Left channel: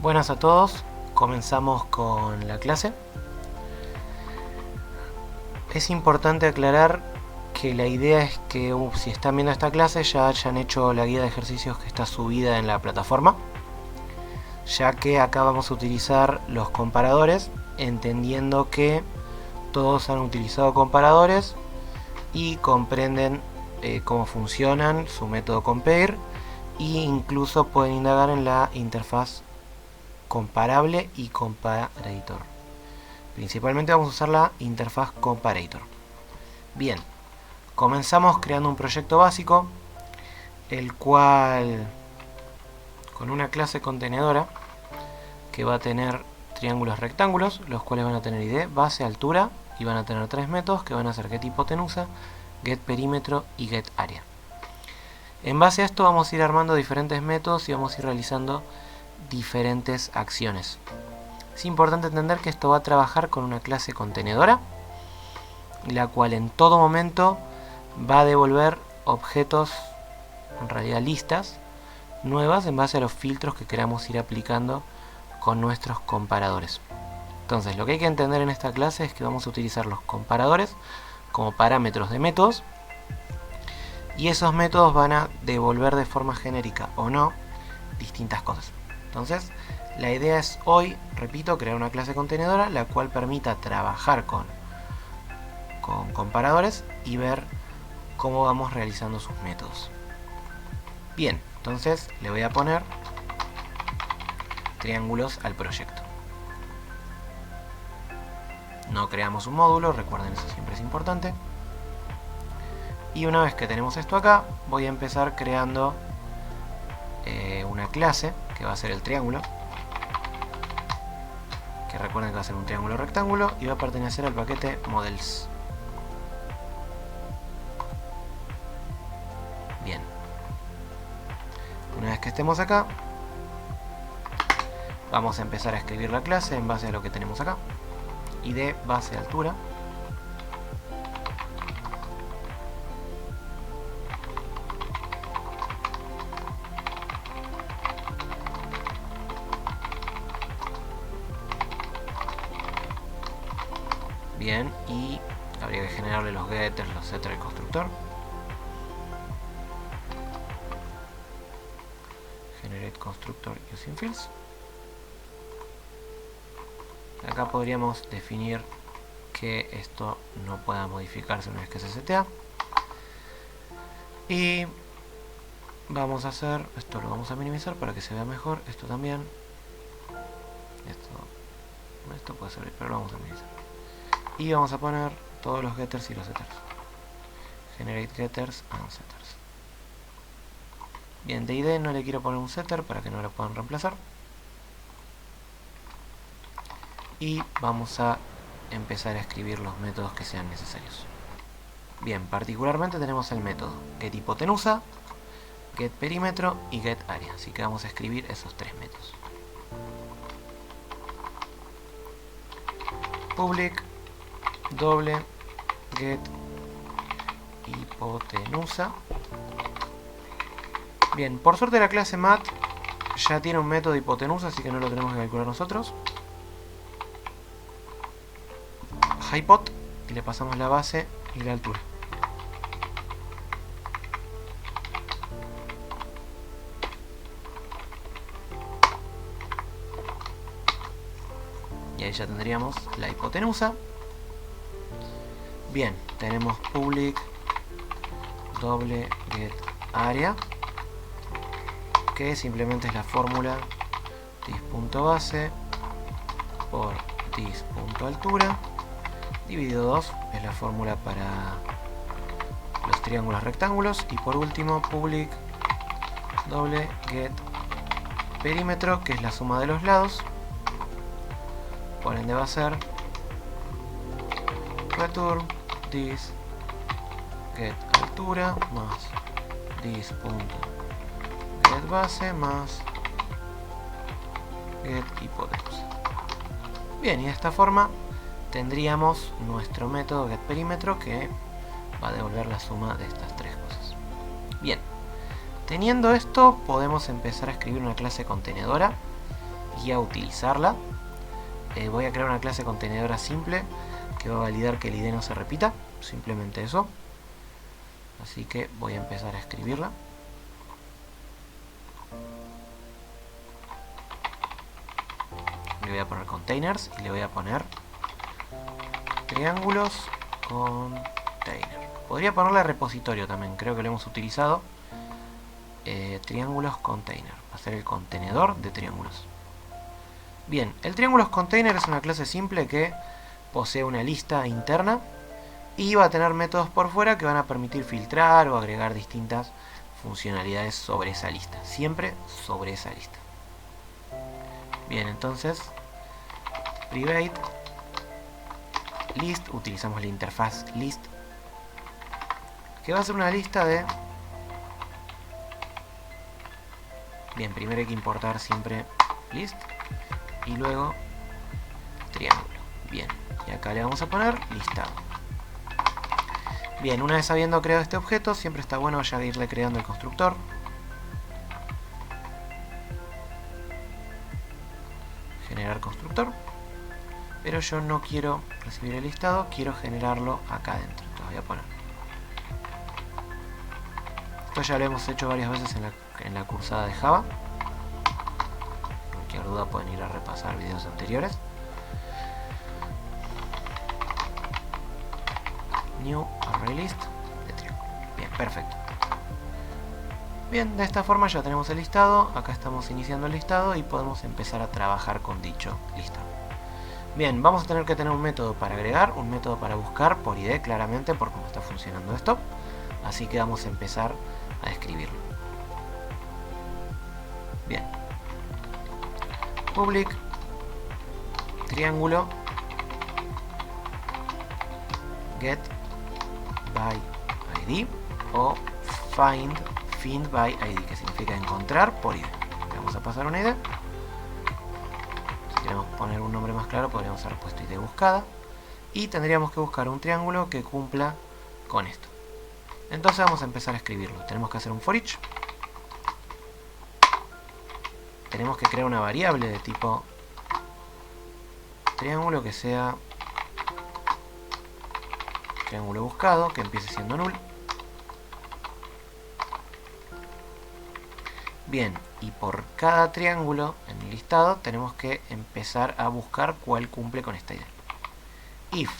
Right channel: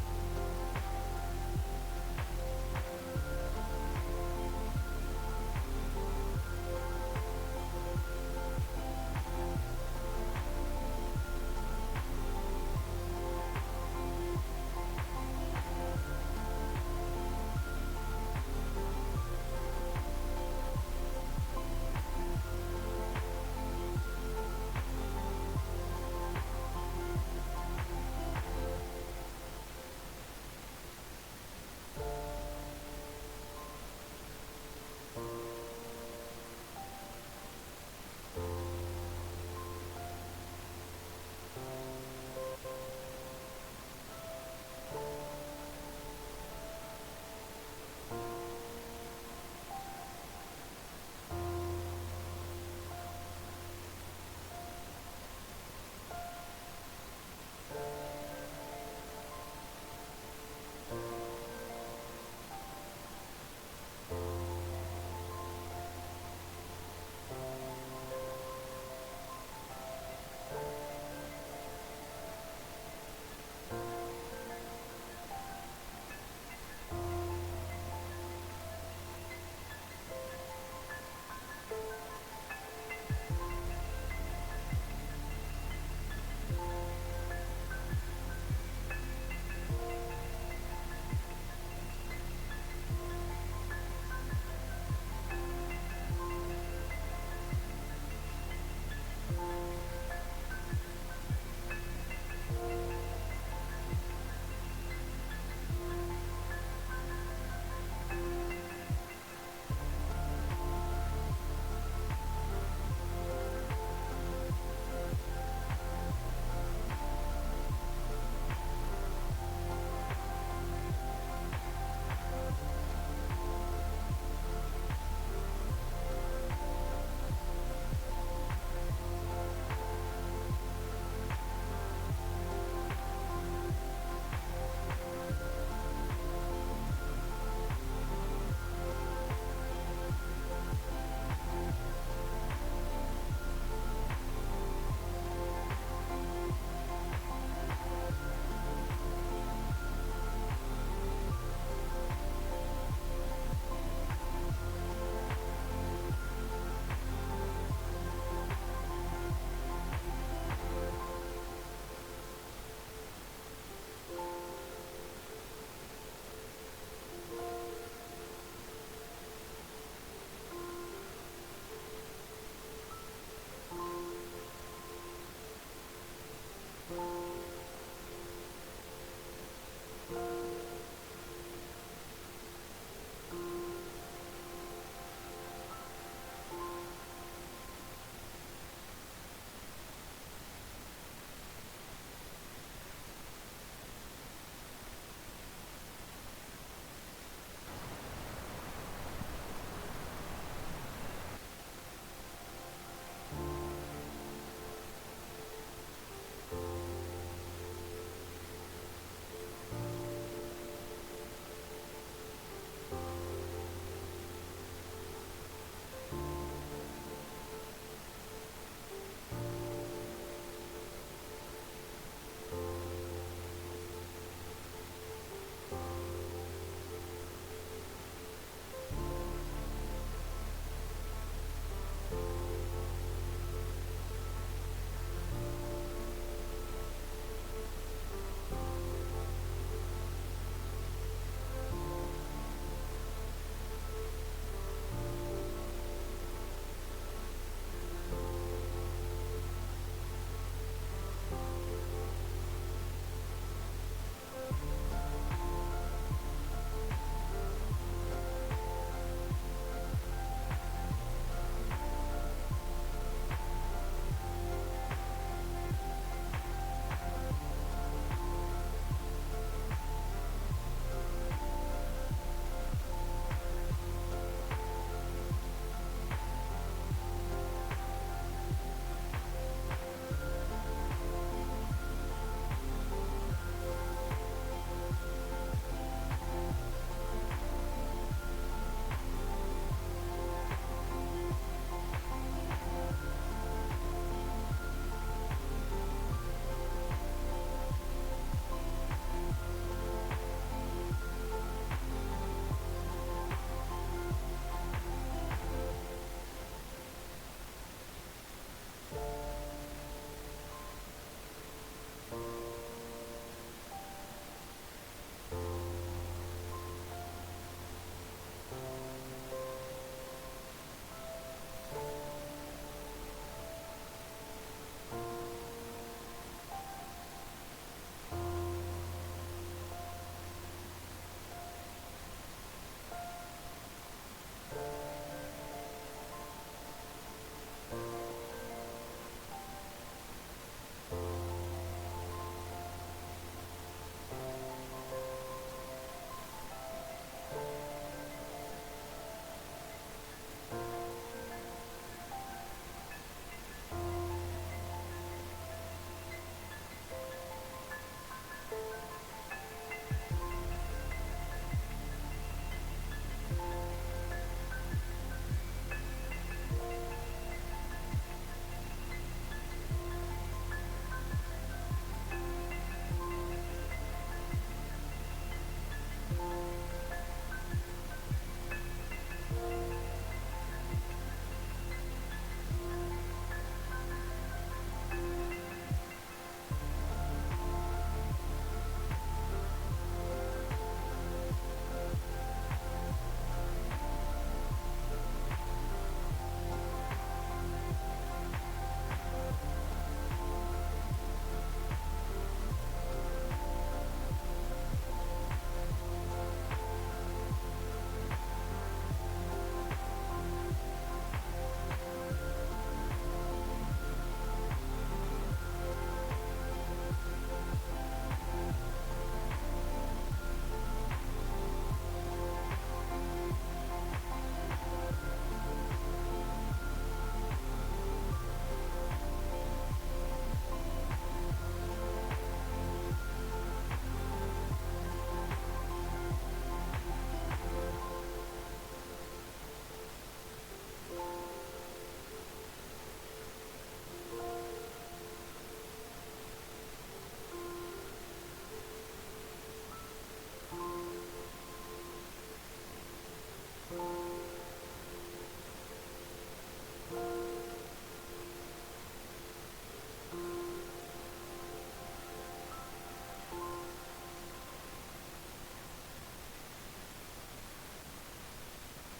Buenas a todos, comenzamos con la clase. Es importante aclarar que la idea es que si están viendo esta clase ya hayan hecho la guía de ejercicios que está subida en la plataforma, ya que acá vamos a utilizar los comparadores, entendiendo que todos han utilizado comparadores y comprenden cómo funcionan, su método compare, e incluso pueden indagar en la interfaz comparable y comparator. Principalmente vamos a usar la interfaz comparator. Bien, comenzamos creando un proyecto básico, el cual con una clase contenedora que va a tener triángulos rectángulos, los cuales van a tener id, base, altura, y van a tener tres métodos que van a ser getHipotenusa, getPerímetro y getArea. En base a esto vamos a ir armando diferentes métodos y vamos a ir realizando diferentes acciones. Es importante entender que esto va a trabajar con una clase contenedora, la cual en todo momento va a devolver objetos, en realidad listas, nuevas en base a los filtros que queramos ir aplicando con nuestros comparadores. Entonces, lo que hay que entender en esta clase es que vamos a utilizar los comparadores como parámetros de métodos, y esos métodos van a devolver de forma genérica o no distintas cosas. Entonces, la idea es hoy, repito, crear una clase contenedora la cual permita trabajar con comparadores y ver cómo vamos realizando sus métodos. Bien, entonces le voy a poner triángulos al proyecto. No creamos un módulo, recuerden, eso siempre es importante. Y una vez que tenemos esto acá, voy a empezar creando una clase que va a ser el triángulo, que recuerden que va a ser un triángulo rectángulo y va a pertenecer al paquete models. Bien, una vez que estemos acá, vamos a empezar a escribir la clase en base a lo que tenemos acá. Id, base, altura. Bien, y habría que generarle los getters, los setters al constructor. Generate constructor using fields. Acá podríamos definir que esto no pueda modificarse una vez que se setea. Y vamos a hacer, esto lo vamos a minimizar para que se vea mejor, esto también. Esto puede servir, pero lo vamos a minimizar. Y vamos a poner todos los getters y los setters. Generate getters and setters. Bien, de id no le quiero poner un setter para que no lo puedan reemplazar. Y vamos a empezar a escribir los métodos que sean necesarios. Bien, particularmente tenemos el método getHipotenusa, getPerímetro y getArea, así que vamos a escribir esos tres métodos. Public doble getHipotenusa. Bien, por suerte la clase mat ya tiene un método de hipotenusa, así que no lo tenemos que calcular nosotros. Hypot, y le pasamos la base y la altura. Y ahí ya tendríamos la hipotenusa. Bien, tenemos public doble getArea, que simplemente es la fórmula dis.base por dis.altura dividido 2, es la fórmula para los triángulos rectángulos. Y por último, public doble getPerímetro, que es la suma de los lados, por ende va a ser return dis getAltura más dis.getBase más getHipotenusa. Bien, y de esta forma tendríamos nuestro método getPerímetro que va a devolver la suma de estas tres cosas. Bien, teniendo esto podemos empezar a escribir una clase contenedora y a utilizarla. Voy a crear una clase contenedora simple que va a validar que el ID no se repita, simplemente eso. Así que voy a empezar a escribirla. Le voy a poner containers y le voy a poner triángulos container. Podría ponerle repositorio también, creo que lo hemos utilizado. Triángulos container, va a ser el contenedor de triángulos. Bien, el triángulos container es una clase simple que posee una lista interna y va a tener métodos por fuera que van a permitir filtrar o agregar distintas funcionalidades sobre esa lista, siempre sobre esa lista. Bien, entonces private list, utilizamos la interfaz list, que va a ser una lista de... Bien, primero hay que importar siempre list y luego triángulo. Bien, y acá le vamos a poner listado. Bien, una vez habiendo creado este objeto, siempre está bueno ya irle creando el constructor. Generar constructor. Pero yo no quiero recibir el listado, quiero generarlo acá adentro. Entonces voy a poner. Esto ya lo hemos hecho varias veces en la cursada de Java. Cualquier duda pueden ir a repasar videos anteriores. New array list de triángulo. Bien, perfecto. Bien, de esta forma ya tenemos el listado. Acá estamos iniciando el listado y podemos empezar a trabajar con dicho listado. Bien, vamos a tener que tener un método para agregar, un método para buscar por ID claramente por cómo está funcionando esto. Así que vamos a empezar a escribirlo. Bien. Public triángulo get by id o find by id, que significa encontrar por id. Le vamos a pasar una id. Si queremos poner un nombre más claro, podríamos haber puesto id buscada y tendríamos que buscar un triángulo que cumpla con esto. Entonces vamos a empezar a escribirlo. Tenemos que hacer un for each. Tenemos que crear una variable de tipo triángulo que sea triángulo buscado, que empiece siendo null. Bien, y por cada triángulo en el listado tenemos que empezar a buscar cuál cumple con esta idea. If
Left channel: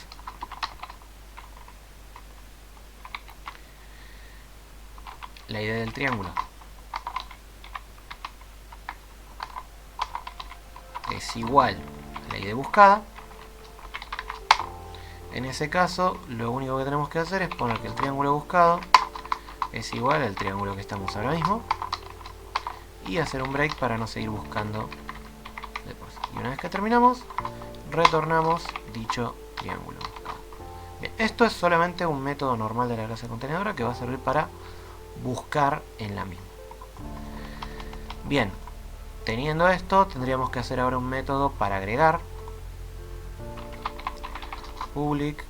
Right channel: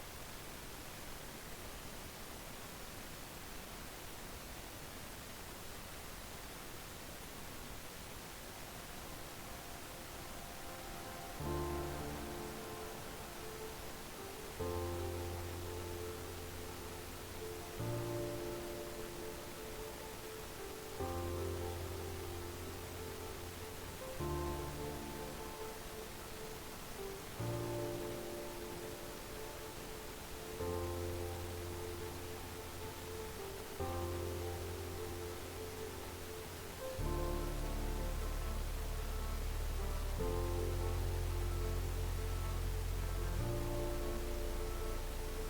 la idea del triángulo es igual a la idea buscada, en ese caso lo único que tenemos que hacer es poner que el triángulo buscado es igual al triángulo que estamos ahora mismo y hacer un break para no seguir buscando después. Y una vez que terminamos, retornamos dicho triángulo. Bien, esto es solamente un método normal de la clase contenedora que va a servir para buscar en la misma. Bien, teniendo esto, tendríamos que hacer ahora un método para agregar. Public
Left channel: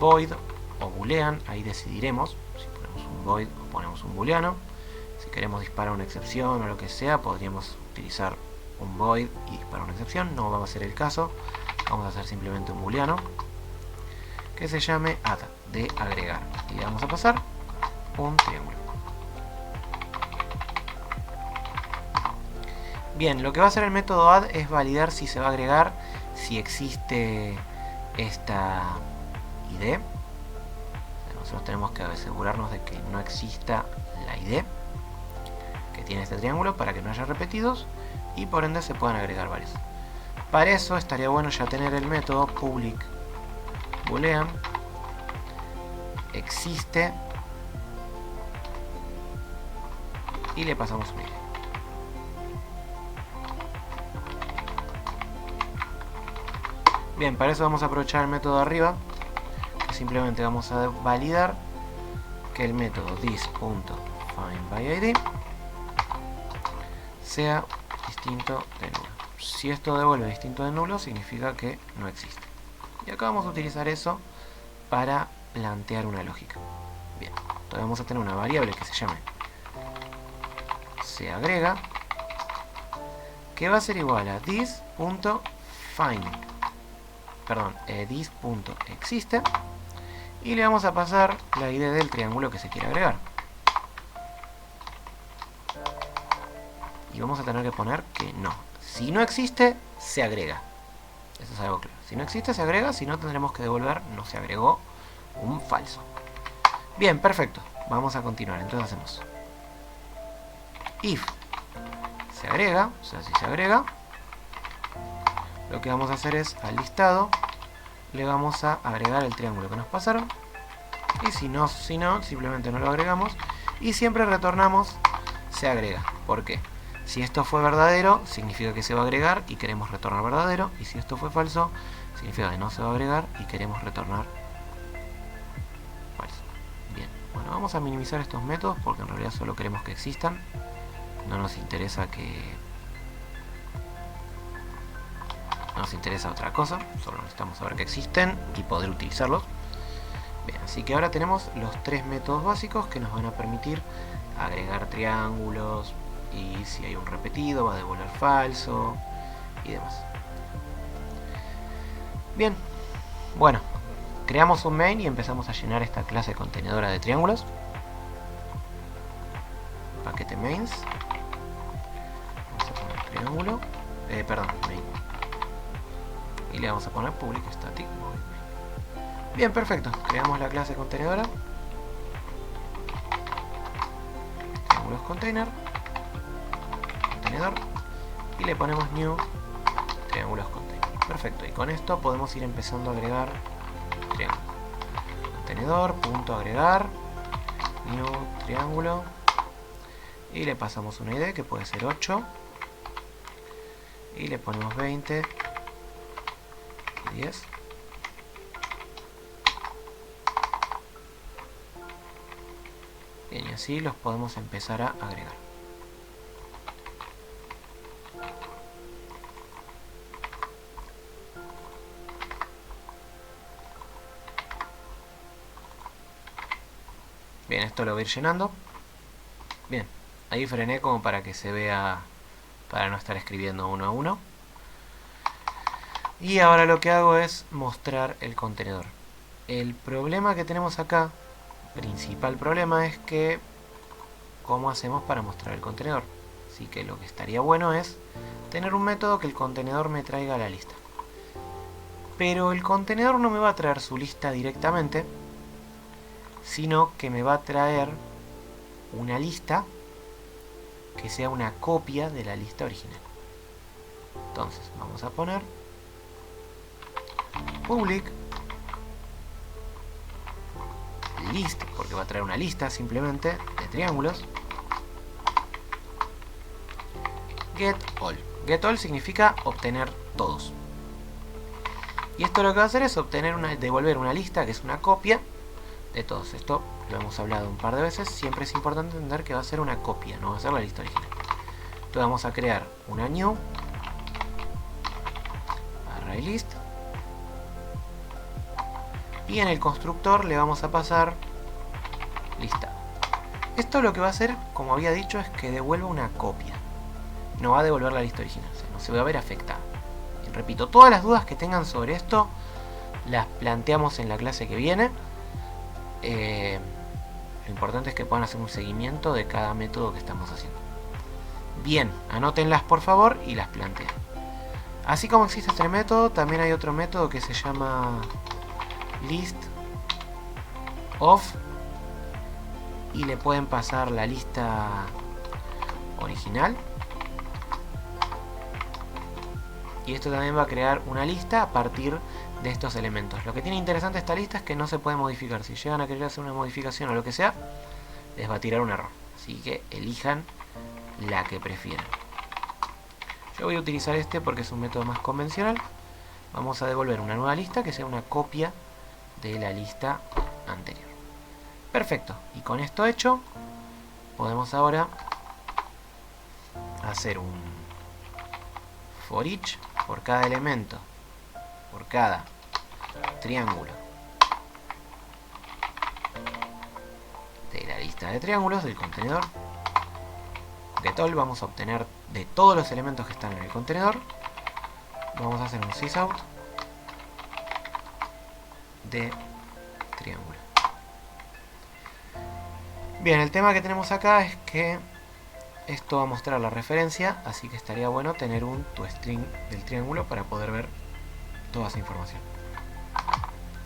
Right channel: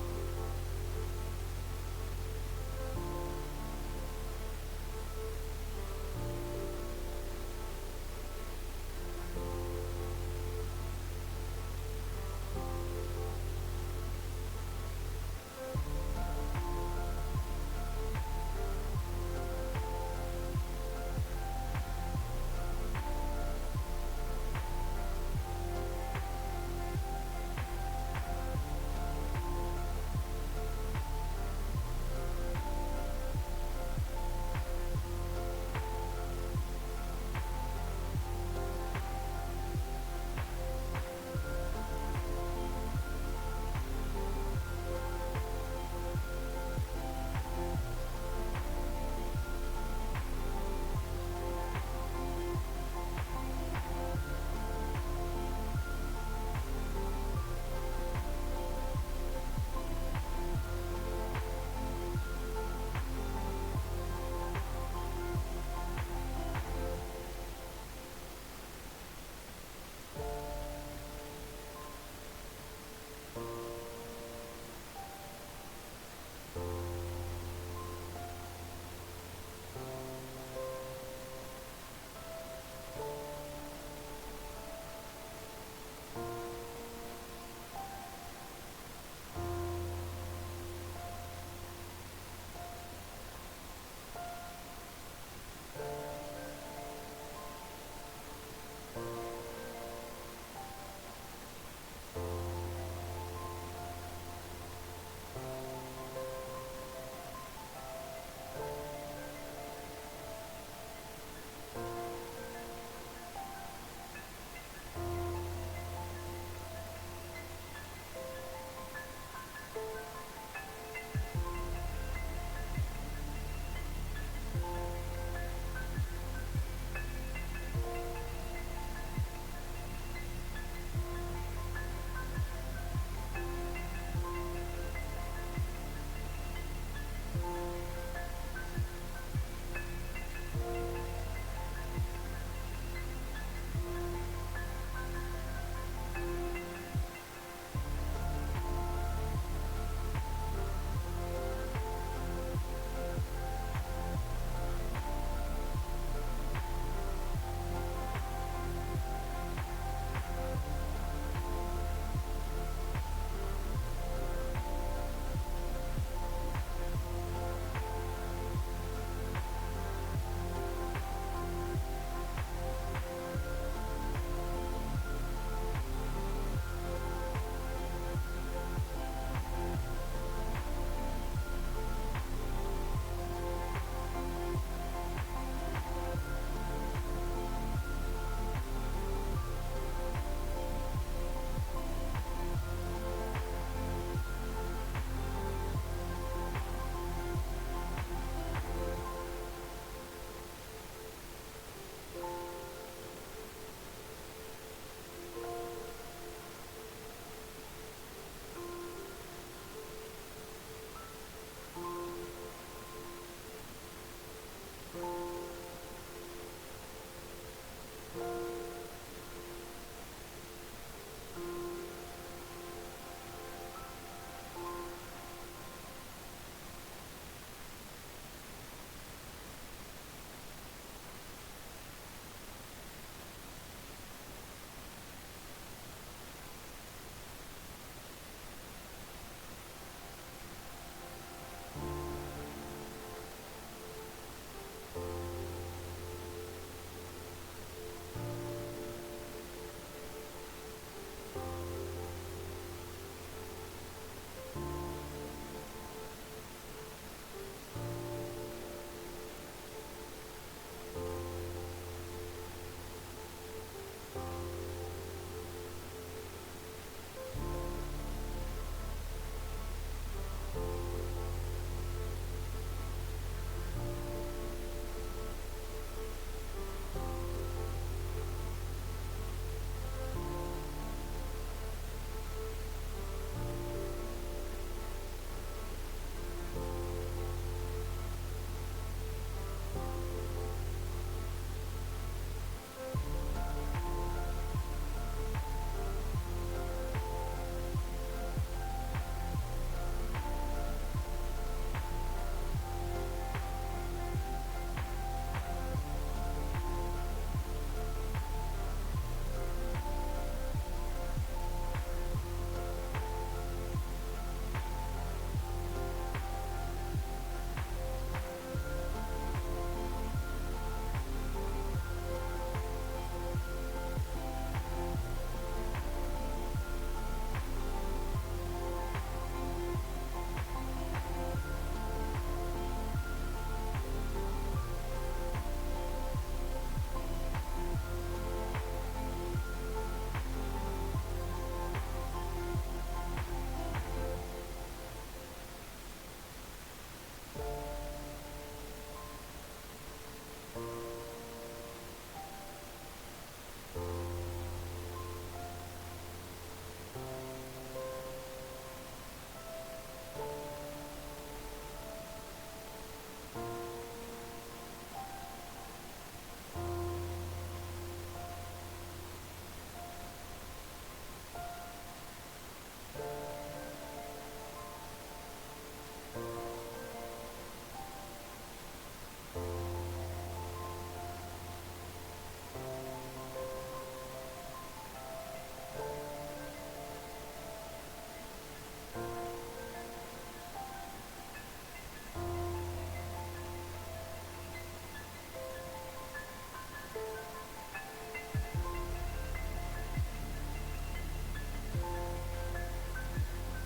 void o boolean, ahí decidiremos si ponemos un void o ponemos un booleano. Si queremos disparar una excepción o lo que sea, podríamos utilizar un void y disparar una excepción. No va a ser el caso, vamos a hacer simplemente un booleano que se llame add, de agregar, y le vamos a pasar un triángulo. Bien, lo que va a hacer el método add es validar si se va a agregar, si existe esta ID. Nosotros tenemos que asegurarnos de que no exista la ID que tiene este triángulo para que no haya repetidos y por ende se puedan agregar varios. Para eso estaría bueno ya tener el método public boolean existe y le pasamos un ID. Bien, para eso vamos a aprovechar el método de arriba. Simplemente vamos a validar que el método this.findById sea distinto de nulo. Si esto devuelve distinto de nulo, significa que no existe. Y acá vamos a utilizar eso para plantear una lógica. Bien, entonces vamos a tener una variable que se llame se agrega que va a ser igual a this.find, perdón, this.existe, y le vamos a pasar la ID del triángulo que se quiere agregar. Y vamos a tener que poner que no. Si no existe, se agrega. Eso es algo claro. Si no existe, se agrega. Si no, tendremos que devolver no se agregó, un falso. Bien, perfecto. Vamos a continuar. Entonces hacemos if se agrega, o sea, si se agrega, lo que vamos a hacer es al listado le vamos a agregar el triángulo que nos pasaron. Y si no, simplemente no lo agregamos. Y siempre retornamos se agrega. ¿Por qué? Si esto fue verdadero, significa que se va a agregar y queremos retornar verdadero. Y si esto fue falso, significa que no se va a agregar y queremos retornar falso. Bien, bueno, vamos a minimizar estos métodos porque en realidad solo queremos que existan. No nos interesa otra cosa, solo necesitamos saber que existen y poder utilizarlos. Bien, así que ahora tenemos los tres métodos básicos que nos van a permitir agregar triángulos, y si hay un repetido va a devolver falso y demás. Bien, bueno, creamos un main y empezamos a llenar esta clase contenedora de triángulos. Paquete mains, vamos a poner triángulo, main, y le vamos a poner público static. Bien, perfecto, creamos la clase contenedora, triángulos container, contenedor, y le ponemos new triángulos container. Perfecto, y con esto podemos ir empezando a agregar triángulo. Contenedor, punto agregar, new triángulo, y le pasamos una ID que puede ser 8, y le ponemos 20, 10. Bien, y así los podemos empezar a agregar. Bien, esto lo voy a ir llenando. Bien, ahí frené como para que se vea, para no estar escribiendo uno a uno. Y ahora lo que hago es mostrar el contenedor. El problema que tenemos acá, principal problema, es que ¿cómo hacemos para mostrar el contenedor? Así que lo que estaría bueno es tener un método que el contenedor me traiga la lista. Pero el contenedor no me va a traer su lista directamente, sino que me va a traer una lista que sea una copia de la lista original. Entonces vamos a poner public list, porque va a traer una lista simplemente de triángulos. Get all. Get all significa obtener todos. Y esto lo que va a hacer es devolver una lista que es una copia de todos. Esto lo hemos hablado un par de veces. Siempre es importante entender que va a ser una copia, no va a ser la lista original. Entonces vamos a crear una new ArrayList, y en el constructor le vamos a pasar lista. Esto lo que va a hacer, como había dicho, es que devuelva una copia. No va a devolver la lista original, se va a ver afectada. Y repito, todas las dudas que tengan sobre esto las planteamos en la clase que viene. Lo importante es que puedan hacer un seguimiento de cada método que estamos haciendo. Bien, anótenlas por favor y las planteen. Así como existe este método, también hay otro método que se llama list of, y le pueden pasar la lista original. Y esto también va a crear una lista a partir de estos elementos. Lo que tiene interesante esta lista es que no se puede modificar. Si llegan a querer hacer una modificación o lo que sea, les va a tirar un error. Así que elijan la que prefieran. Yo voy a utilizar este porque es un método más convencional. Vamos a devolver una nueva lista que sea una copia de la lista anterior. Perfecto. Y con esto hecho, podemos ahora hacer un for each por cada elemento, por cada triángulo de la lista de triángulos del contenedor. Get all, vamos a obtener de todos los elementos que están en el contenedor, vamos a hacer un sysout de triángulo. Bien, el tema que tenemos acá es que esto va a mostrar la referencia, así que estaría bueno tener un toString del triángulo para poder ver toda esa información.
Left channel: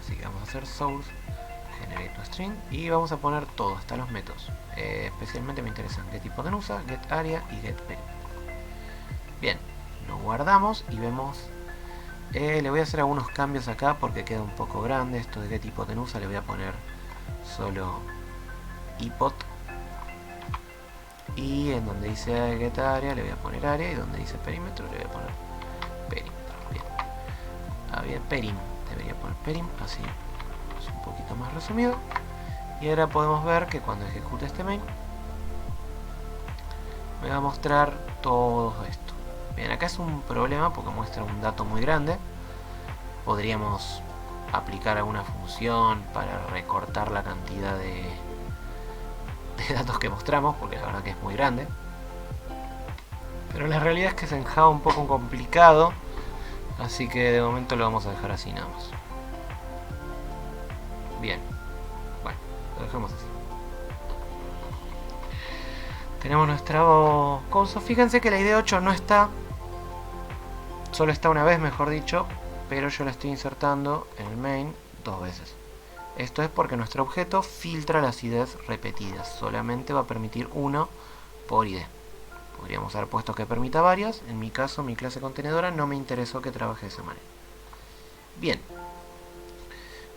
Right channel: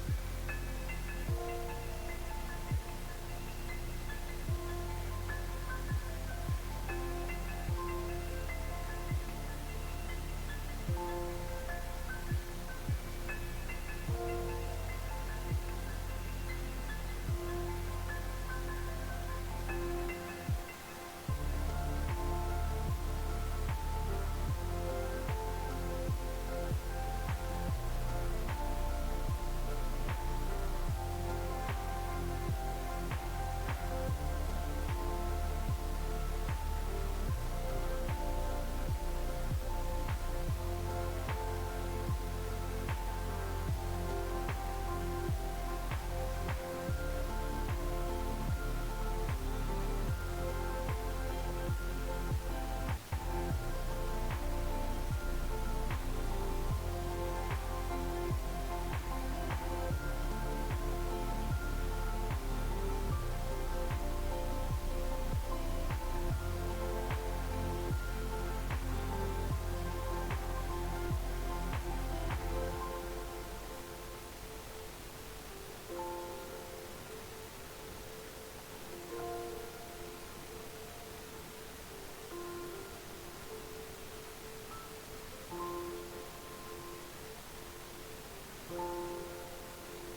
Así que vamos a hacer source generate toString y vamos a poner todo, hasta los métodos. Especialmente me interesan getIpotenusa, getArea y getPen. Bien, lo guardamos y vemos. Le voy a hacer algunos cambios acá porque queda un poco grande. Esto de getIpotenusa le voy a poner solo ipot. Y en donde dice getArea le voy a poner área, y donde dice perímetro le voy a poner perímetro. Bien. Había perim, debería poner perim, así es un poquito más resumido. Y ahora podemos ver que cuando ejecute este main me va a mostrar todo esto. Bien, acá es un problema porque muestra un dato muy grande. Podríamos aplicar alguna función para recortar la cantidad de datos que mostramos, porque la verdad que es muy grande. Pero la realidad es que es en Java un poco complicado, así que de momento lo vamos a dejar así nada más. Bien, bueno, lo dejamos así. Tenemos nuestro curso. Fíjense que la ID 8 no está, solo está una vez, mejor dicho, pero yo la estoy insertando en el main 2 veces. Esto es porque nuestro objeto filtra las IDs repetidas, solamente va a permitir uno por ID. Podríamos haber puesto que permita varias. En mi caso, mi clase contenedora no me interesó que trabaje de esa manera. Bien.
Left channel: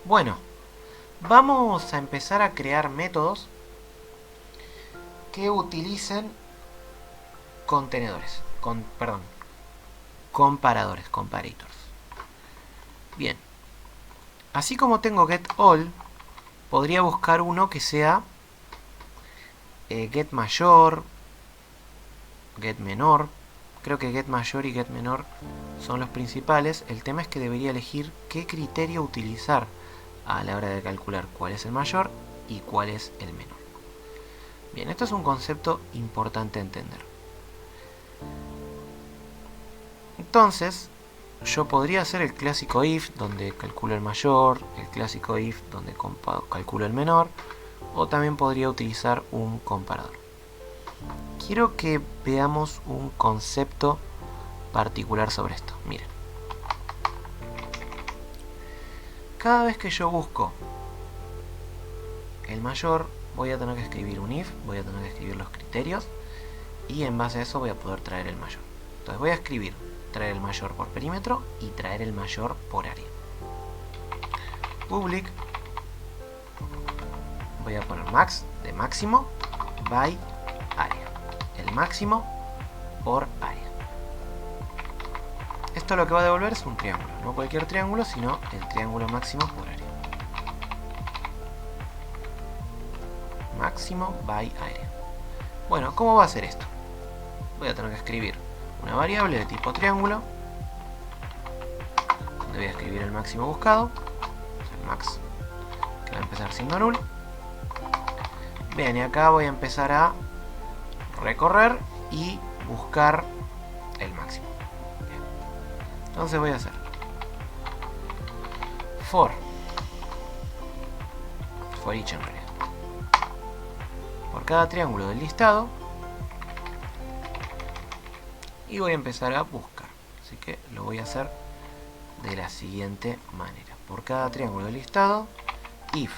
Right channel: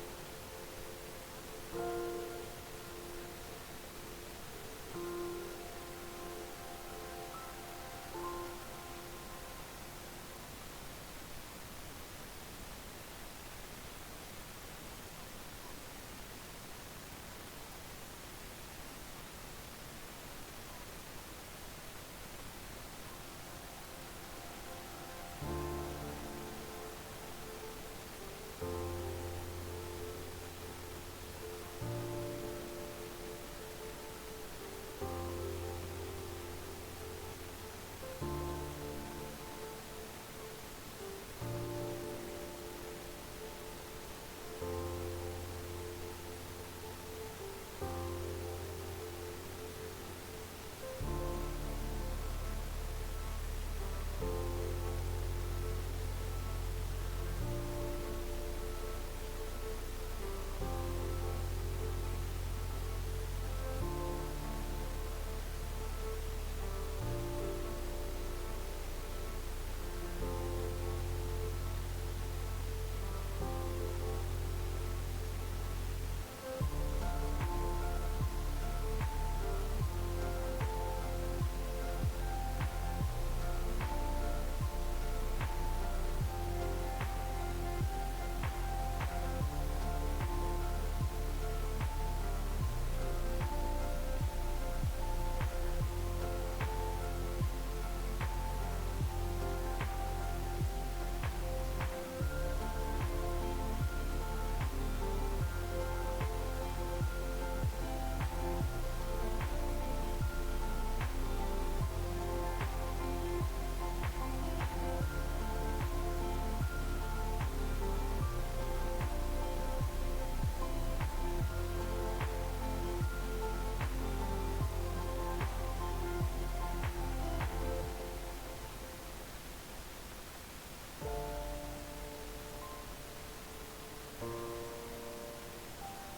Bueno, vamos a empezar a crear métodos que utilicen contenedores. Comparadores, comparators. Bien. Así como tengo getAll, podría buscar uno que sea getMayor, getMenor. Creo que getMayor y getMenor son los principales. El tema es que debería elegir qué criterio utilizar a la hora de calcular cuál es el mayor y cuál es el menor. Bien, esto es un concepto importante a entender. Entonces, yo podría hacer el clásico if, donde calculo el mayor, el clásico if, donde calculo el menor, o también podría utilizar un comparador. Quiero que veamos un concepto particular sobre esto. Miren. Cada vez que yo busco el mayor, voy a tener que escribir un if, voy a tener que escribir los criterios, y en base a eso voy a poder traer el mayor. Entonces voy a escribir traer el mayor por perímetro y traer el mayor por área. Public, voy a poner max de máximo by área, el máximo por área. Esto lo que va a devolver es un triángulo, no cualquier triángulo, sino el triángulo máximo por área. Máximo by área. Bueno, ¿cómo va a ser esto? Voy a tener que escribir una variable de tipo triángulo, donde voy a escribir el máximo buscado, el max, que va a empezar siendo null. Bien, y acá voy a empezar a recorrer y buscar el máximo. Bien. Entonces voy a hacer for each en realidad, por cada triángulo del listado, y voy a empezar a buscar. Así que lo voy a hacer de la siguiente manera. Por cada triángulo del listado, if,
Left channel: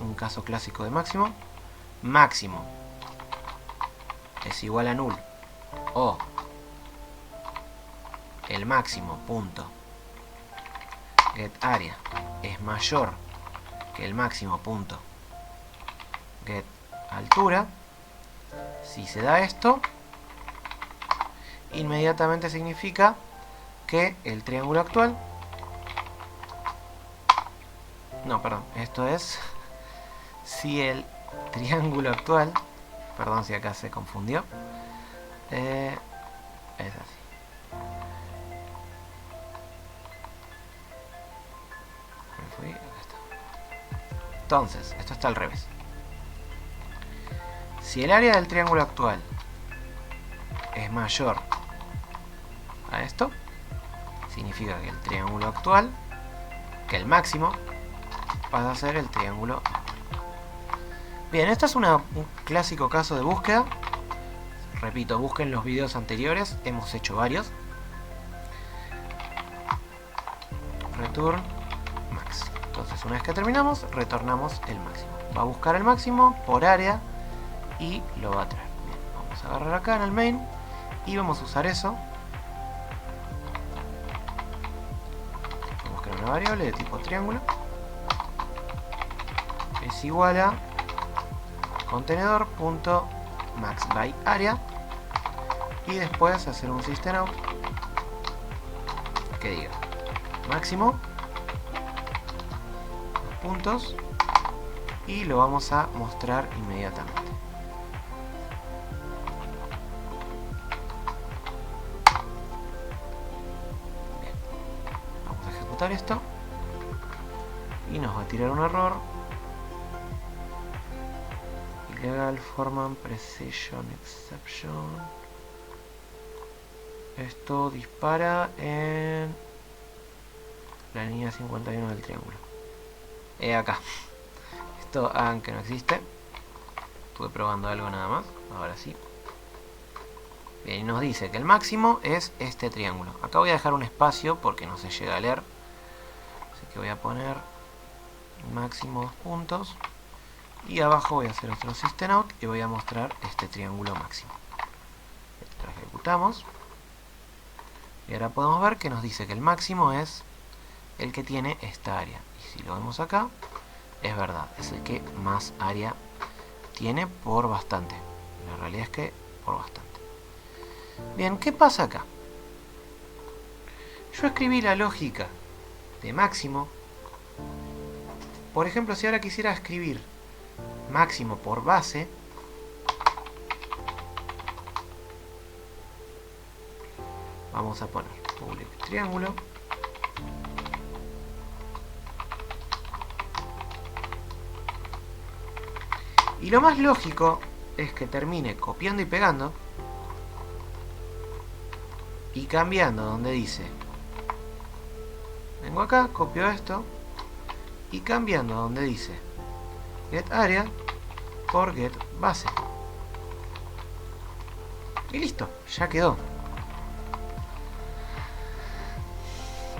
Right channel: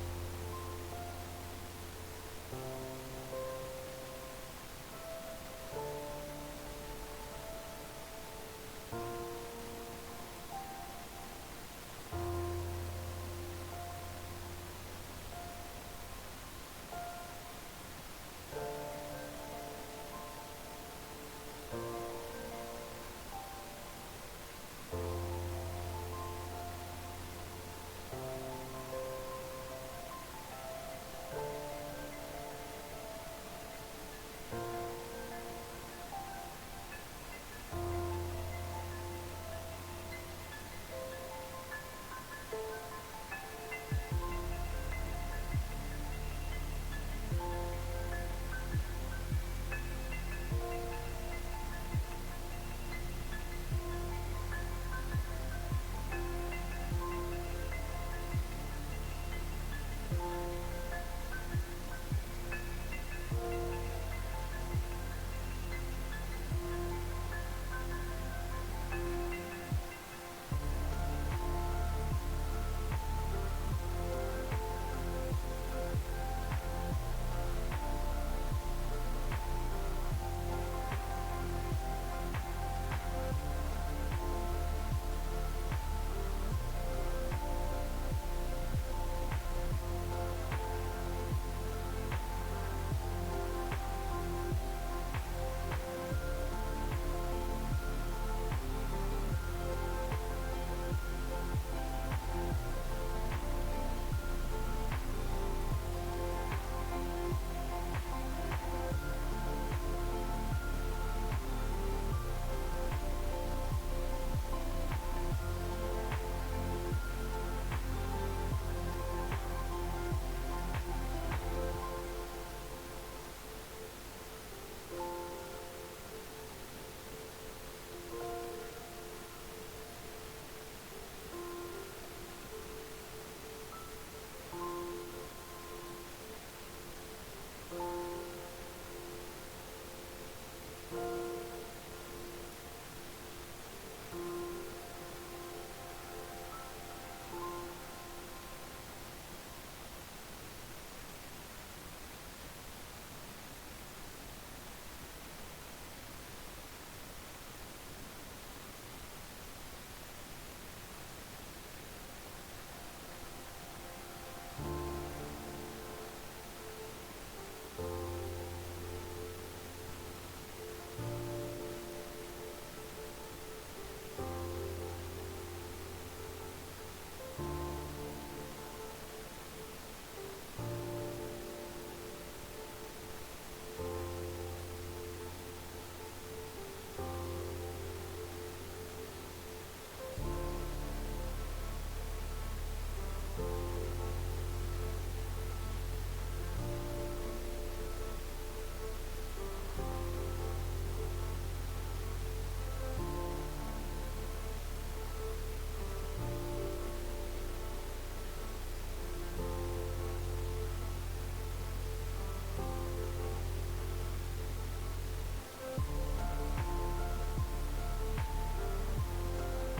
un caso clásico de máximo, máximo es igual a null, o el máximo punto getArea es mayor que el máximo punto getAltura. Si se da esto, inmediatamente significa que el triángulo actual, no, perdón, esto es si el triángulo actual, perdón si acá se confundió, es así. Me fui, acá está. Entonces, esto está al revés. Si el área del triángulo actual es mayor a esto, significa que el triángulo actual, que el máximo, pasa a ser el triángulo. Bien, esto es un clásico caso de búsqueda. Repito, busquen los videos anteriores, hemos hecho varios. Return max. Entonces, una vez que terminamos, retornamos el máximo. Va a buscar el máximo por área y lo va a traer. Vamos a agarrar acá en el main y vamos a usar eso. Vamos a crear una variable de tipo triángulo. Es igual a contenedor.maxByArea y después hacer un systemout que diga máximo puntos y lo vamos a mostrar inmediatamente. Bien. Vamos a ejecutar esto y nos va a tirar un error. Legal Forman Precision Exception. Esto dispara en la línea 51 del triángulo. Acá. Esto hagan que no existe. Estuve probando algo nada más. Ahora sí. Bien, y nos dice que el máximo es este triángulo. Acá voy a dejar un espacio porque no se llega a leer. Así que voy a poner máximo 2 puntos. Y abajo voy a hacer otro systemout y voy a mostrar este triángulo máximo. Lo ejecutamos. Y ahora podemos ver que nos dice que el máximo es el que tiene esta área. Y si lo vemos acá, es verdad, es el que más área tiene por bastante. La realidad es que por bastante. Bien, ¿qué pasa acá? Yo escribí la lógica de máximo. Por ejemplo, si ahora quisiera escribir máximo por base, vamos a poner public triángulo y lo más lógico es que termine copiando y pegando y cambiando donde dice, vengo acá, copio esto y cambiando donde dice get area por get base y listo, ya quedó.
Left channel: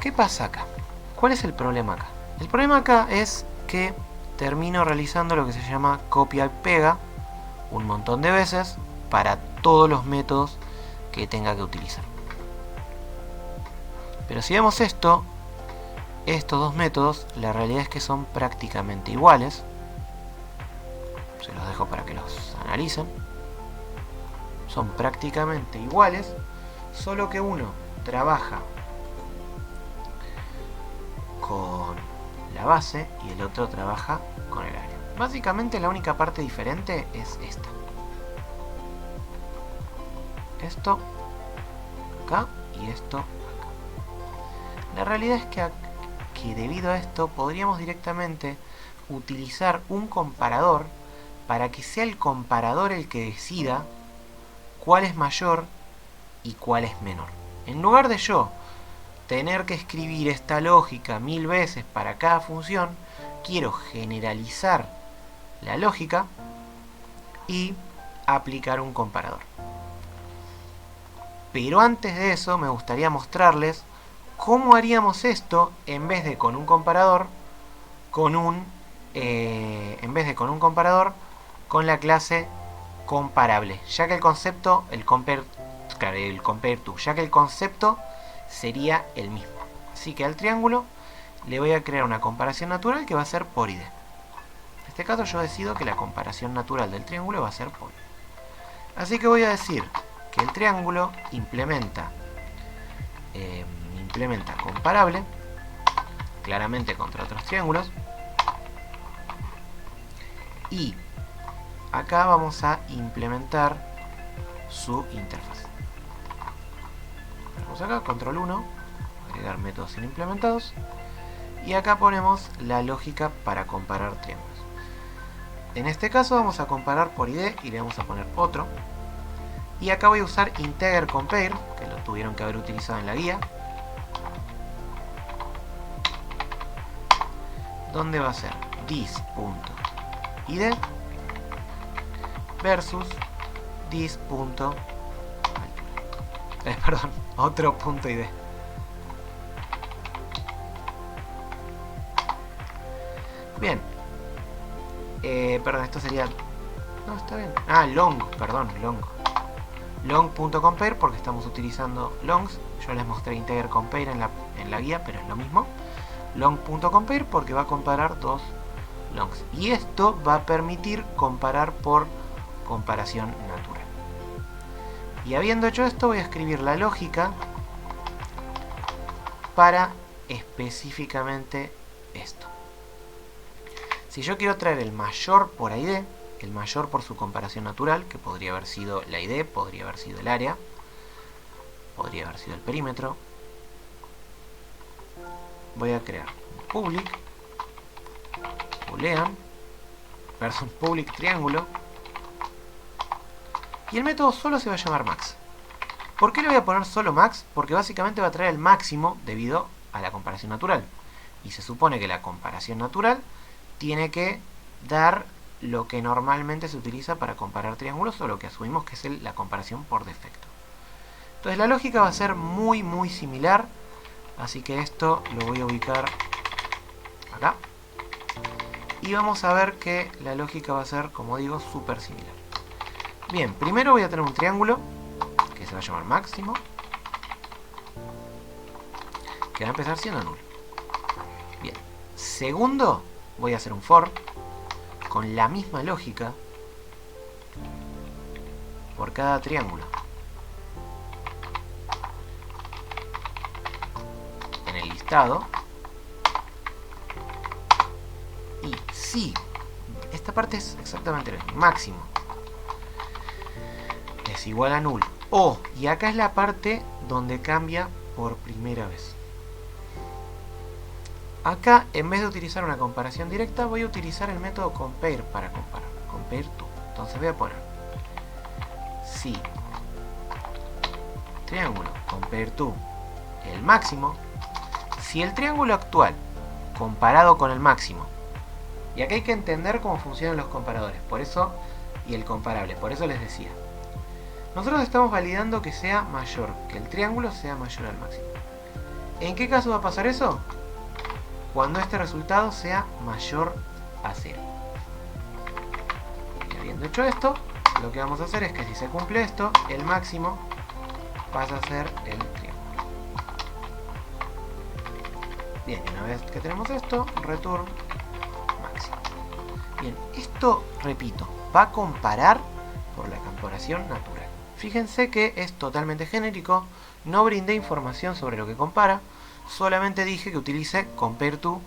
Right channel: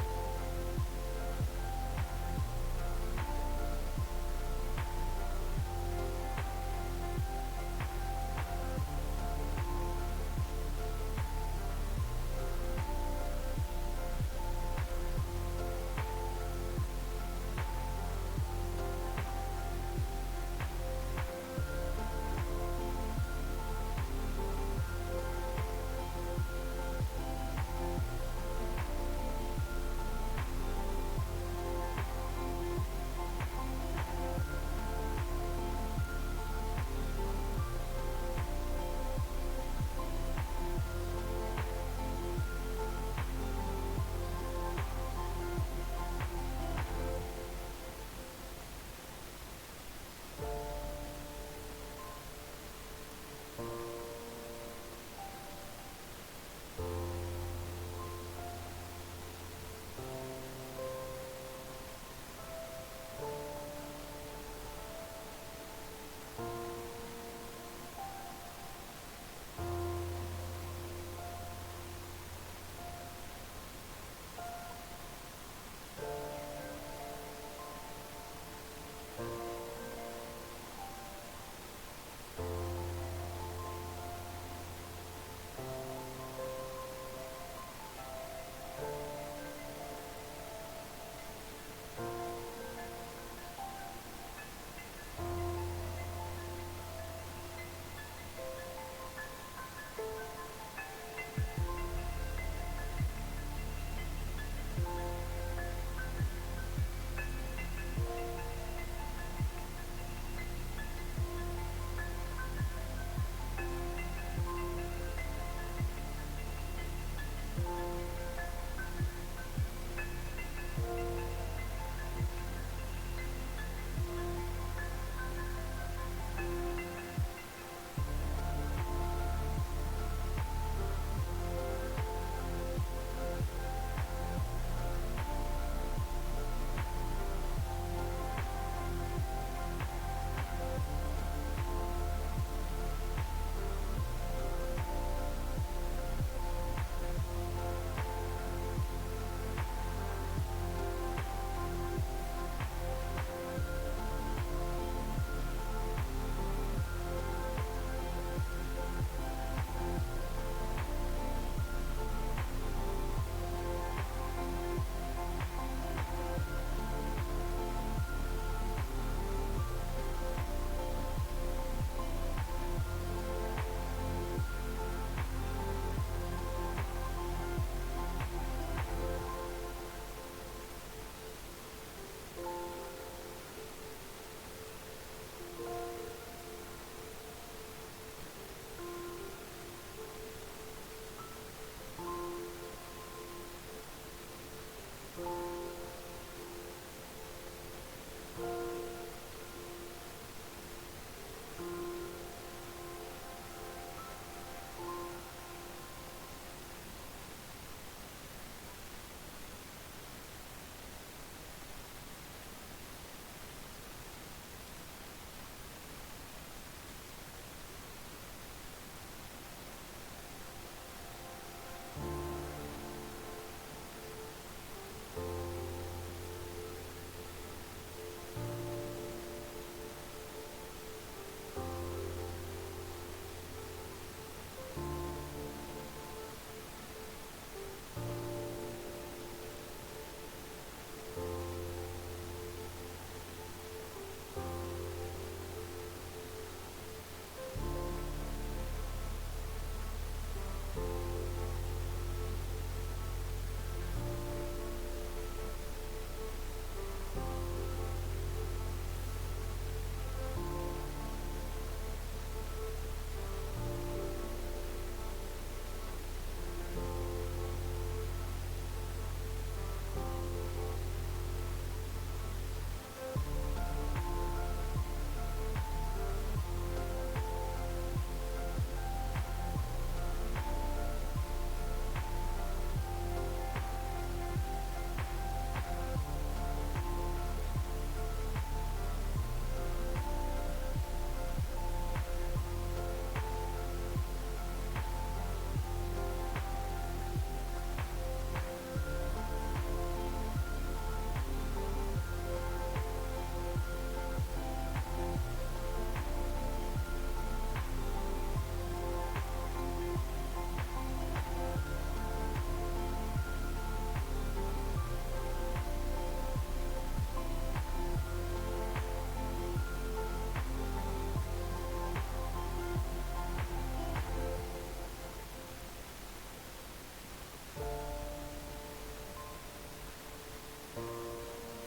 ¿Qué pasa acá? ¿Cuál es el problema acá? El problema acá es que termino realizando lo que se llama copia y pega un montón de veces para todos los métodos que tenga que utilizar. Pero si vemos esto, estos dos métodos, la realidad es que son prácticamente iguales. Se los dejo para que los analicen. Son prácticamente iguales, solo que uno trabaja con la base y el otro trabaja con el área. Básicamente la única parte diferente es esta. Esto acá y esto acá. La realidad es que debido a esto podríamos directamente utilizar un comparador para que sea el comparador el que decida cuál es mayor y cuál es menor. En lugar de yo tener que escribir esta lógica 1000 veces para cada función, quiero generalizar la lógica y aplicar un comparador. Pero antes de eso me gustaría mostrarles cómo haríamos esto en vez de con un comparador, con la clase comparable, ya que el concepto, el compare to, ya que el concepto sería el mismo. Así que al triángulo le voy a crear una comparación natural que va a ser por ID. En este caso yo decido que la comparación natural del triángulo va a ser por ID. Así que voy a decir que el triángulo implementa comparable, claramente contra otros triángulos, y acá vamos a implementar su interfaz. Vamos acá, control 1, agregar métodos implementados, y acá ponemos la lógica para comparar triángulos. En este caso vamos a comparar por ID y le vamos a poner otro. Y acá voy a usar integer compare, que lo tuvieron que haber utilizado en la guía, donde va a ser this.id versus this. Perdón, otro punto id. Bien. Perdón, esto sería... No, está bien. Ah, long, perdón, long. Long.compare porque estamos utilizando longs. Yo les mostré integer compare en la guía, pero es lo mismo. Long.compare porque va a comparar dos longs. Y esto va a permitir comparar por comparación natural. Y habiendo hecho esto, voy a escribir la lógica para específicamente esto. Si yo quiero traer el mayor por ID, el mayor por su comparación natural, que podría haber sido la ID, podría haber sido el área, podría haber sido el perímetro, voy a crear un public boolean versus public triángulo, y el método solo se va a llamar max. ¿Por qué le voy a poner solo max? Porque básicamente va a traer el máximo debido a la comparación natural, y se supone que la comparación natural tiene que dar lo que normalmente se utiliza para comparar triángulos, o lo que asumimos que es la comparación por defecto. Entonces la lógica va a ser muy similar, así que esto lo voy a ubicar acá. Y vamos a ver que la lógica va a ser, como digo, súper similar. Bien, primero voy a tener un triángulo, que se va a llamar máximo, que va a empezar siendo nulo. Bien, segundo, voy a hacer un for con la misma lógica por cada triángulo. En el listado. Y si esta parte es exactamente lo mismo, máximo es igual a nulo. Y acá es la parte donde cambia por primera vez. Acá, en vez de utilizar una comparación directa, voy a utilizar el método compare para comparar. Compare to. Entonces voy a poner si triángulo compare to el máximo, si el triángulo actual comparado con el máximo, y acá hay que entender cómo funcionan los comparadores, por eso, y el comparable, por eso les decía, nosotros estamos validando que sea mayor, que el triángulo sea mayor al máximo. ¿En qué caso va a pasar eso? Cuando este resultado sea mayor a 0. Y habiendo hecho esto, lo que vamos a hacer es que si se cumple esto, el máximo pasa a ser el triángulo. Bien, una vez que tenemos esto, return máximo. Bien, esto, repito, va a comparar por la comparación natural. Fíjense que es totalmente genérico, no brindé información sobre lo que compara, solamente dije que utilice compare to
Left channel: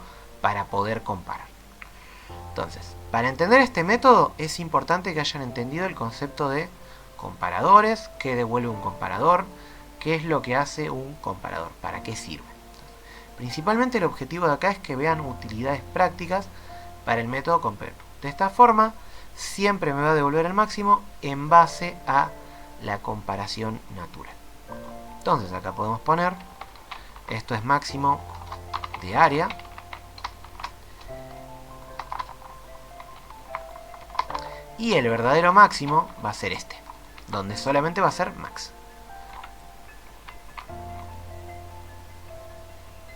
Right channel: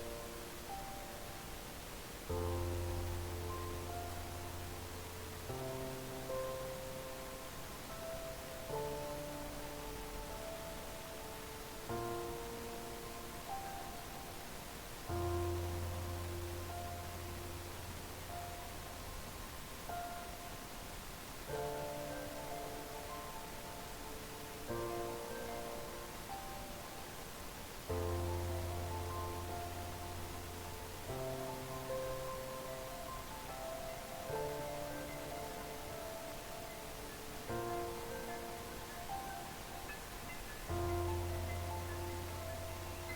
para poder comparar. Entonces, para entender este método es importante que hayan entendido el concepto de comparadores, qué devuelve un comparador, qué es lo que hace un comparador, para qué sirve. Principalmente el objetivo de acá es que vean utilidades prácticas para el método compare. De esta forma, siempre me va a devolver el máximo en base a la comparación natural. Entonces acá podemos poner, esto es máximo de área, y el verdadero máximo va a ser este, donde solamente va a ser max.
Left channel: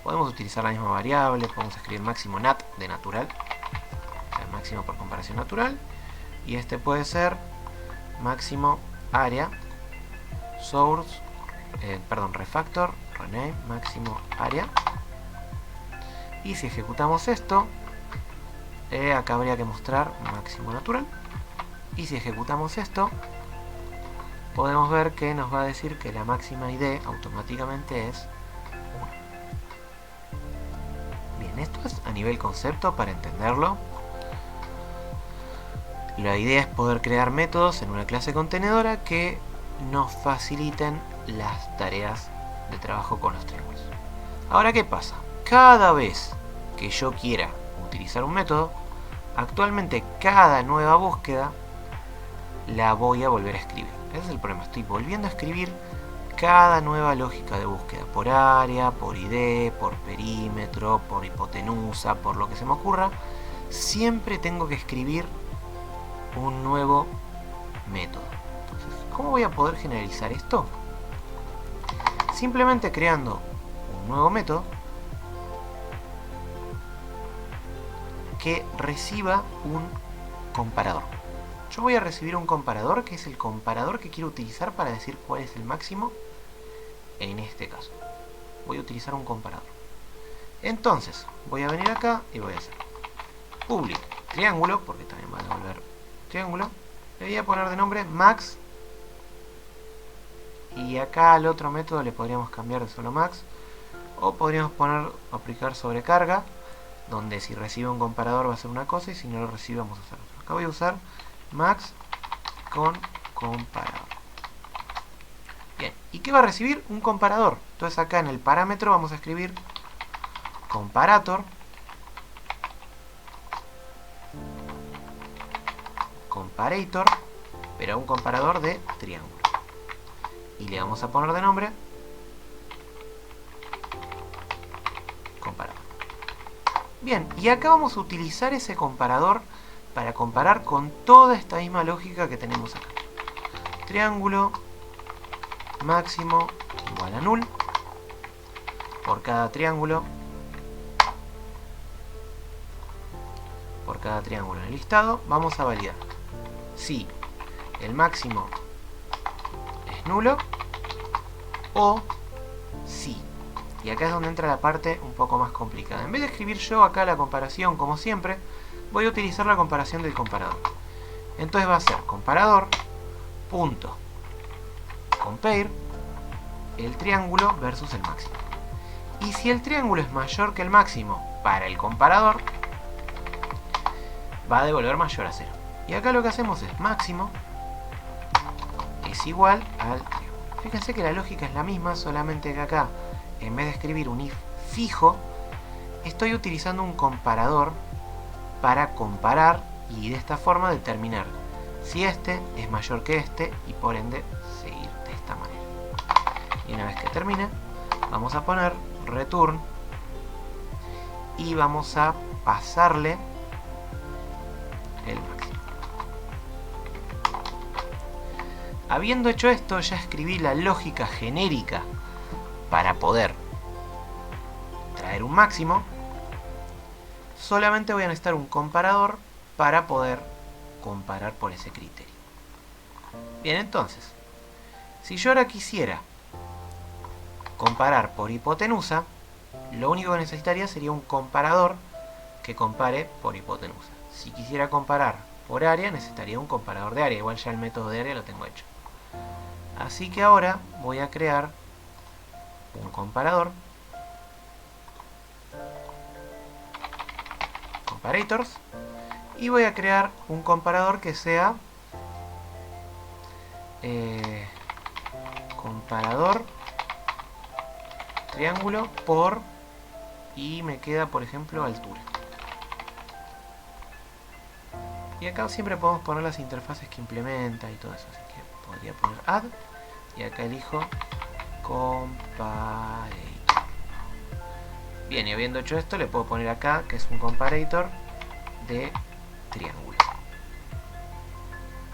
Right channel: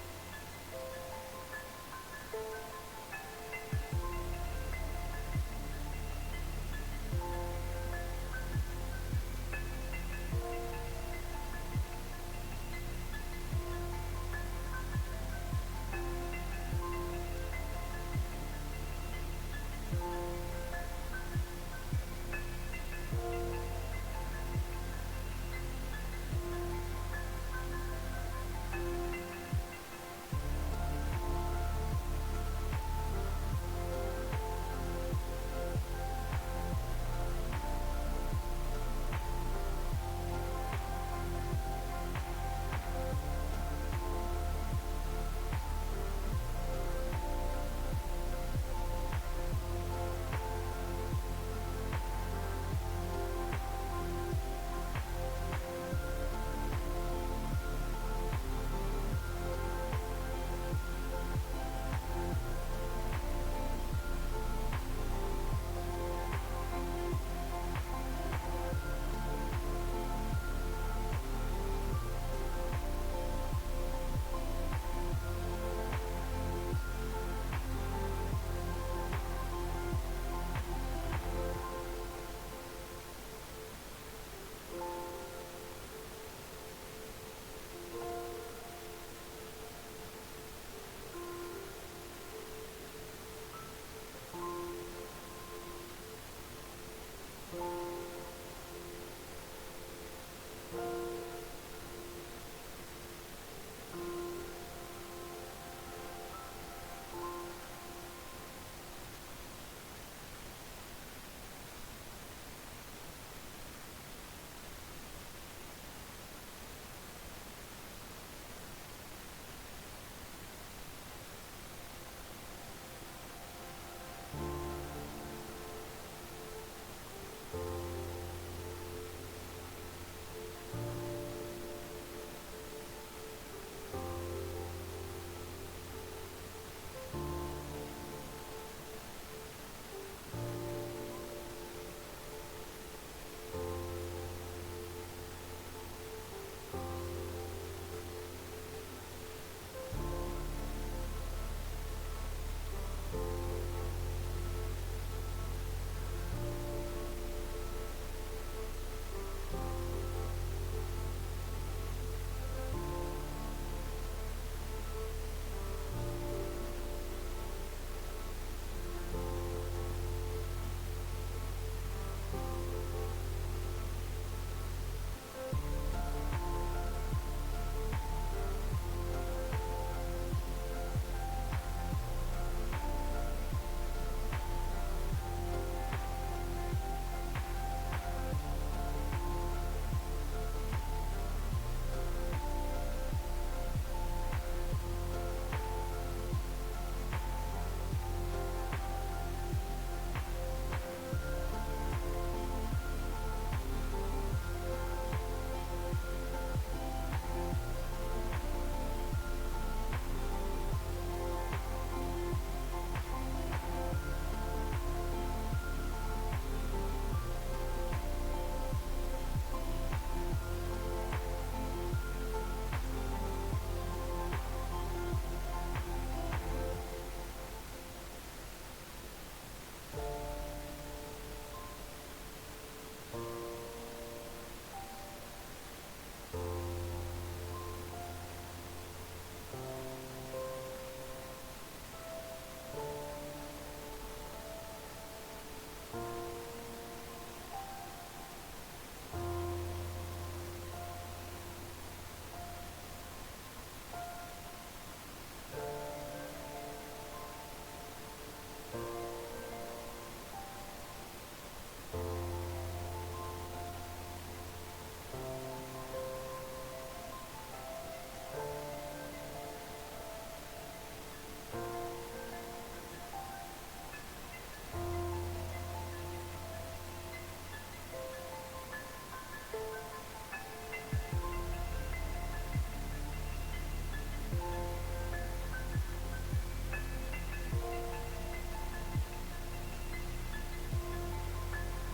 Podemos utilizar la misma variable, podemos escribir máximo nat de natural, o sea, máximo por comparación natural, y este puede ser máximo área source, refactor, rename, máximo área. Y si ejecutamos esto, acá habría que mostrar máximo natural. Y si ejecutamos esto, podemos ver que nos va a decir que la máxima ID automáticamente es 1. Bien, esto es a nivel concepto para entenderlo. La idea es poder crear métodos en una clase contenedora que nos faciliten las tareas de trabajo con los triángulos. Ahora, ¿qué pasa? Cada vez que yo quiera utilizar un método, actualmente cada nueva búsqueda la voy a volver a escribir. Ese es el problema, estoy volviendo a escribir cada nueva lógica de búsqueda, por área, por ID, por perímetro, por hipotenusa, por lo que se me ocurra. Siempre tengo que escribir un nuevo método. Entonces, ¿cómo voy a poder generalizar esto? Simplemente creando un nuevo método que reciba un comparador. Yo voy a recibir un comparador que es el comparador que quiero utilizar para decir cuál es el máximo. En este caso voy a utilizar un comparador. Entonces voy a venir acá y voy a hacer public triángulo, porque también va a devolver triángulo. Le voy a poner de nombre max, y acá al otro método le podríamos cambiar de solo max, o podríamos poner aplicar sobrecarga, donde si recibe un comparador va a ser una cosa y si no lo recibe vamos a hacer otra. Acá voy a usar max con comparador. Bien, ¿y qué va a recibir? Un comparador. Entonces acá en el parámetro vamos a escribir comparator, comparator, pero un comparador de triángulo. Y le vamos a poner de nombre comparador. Bien, y acá vamos a utilizar ese comparador para comparar con toda esta misma lógica que tenemos acá. Triángulo máximo igual a null. Por cada triángulo en el listado vamos a validar si el máximo es nulo o sí. Y acá es donde entra la parte un poco más complicada. En vez de escribir yo acá la comparación como siempre, voy a utilizar la comparación del comparador. Entonces va a ser comparador punto compare el triángulo versus el máximo. Y si el triángulo es mayor que el máximo para el comparador, va a devolver mayor a 0. Y acá lo que hacemos es máximo es igual al triángulo. Fíjense que la lógica es la misma, solamente que acá, en vez de escribir un if fijo, estoy utilizando un comparador para comparar y de esta forma determinar si este es mayor que este y por ende seguir de esta manera. Y una vez que termine, vamos a poner return y vamos a pasarle el máximo. Habiendo hecho esto, ya escribí la lógica genérica para poder traer un máximo. Solamente voy a necesitar un comparador para poder comparar por ese criterio. Bien, entonces, si yo ahora quisiera comparar por hipotenusa, lo único que necesitaría sería un comparador que compare por hipotenusa. Si quisiera comparar por área, necesitaría un comparador de área. Igual ya el método de área lo tengo hecho. Así que ahora voy a crear un comparador, comparators, y voy a crear un comparador que sea comparador triángulo por, y me queda por ejemplo altura. Y acá siempre podemos poner las interfaces que implementa y todo eso, así que podría poner add y acá elijo comparator. Bien, y habiendo hecho esto le puedo poner acá que es un comparator de triángulo.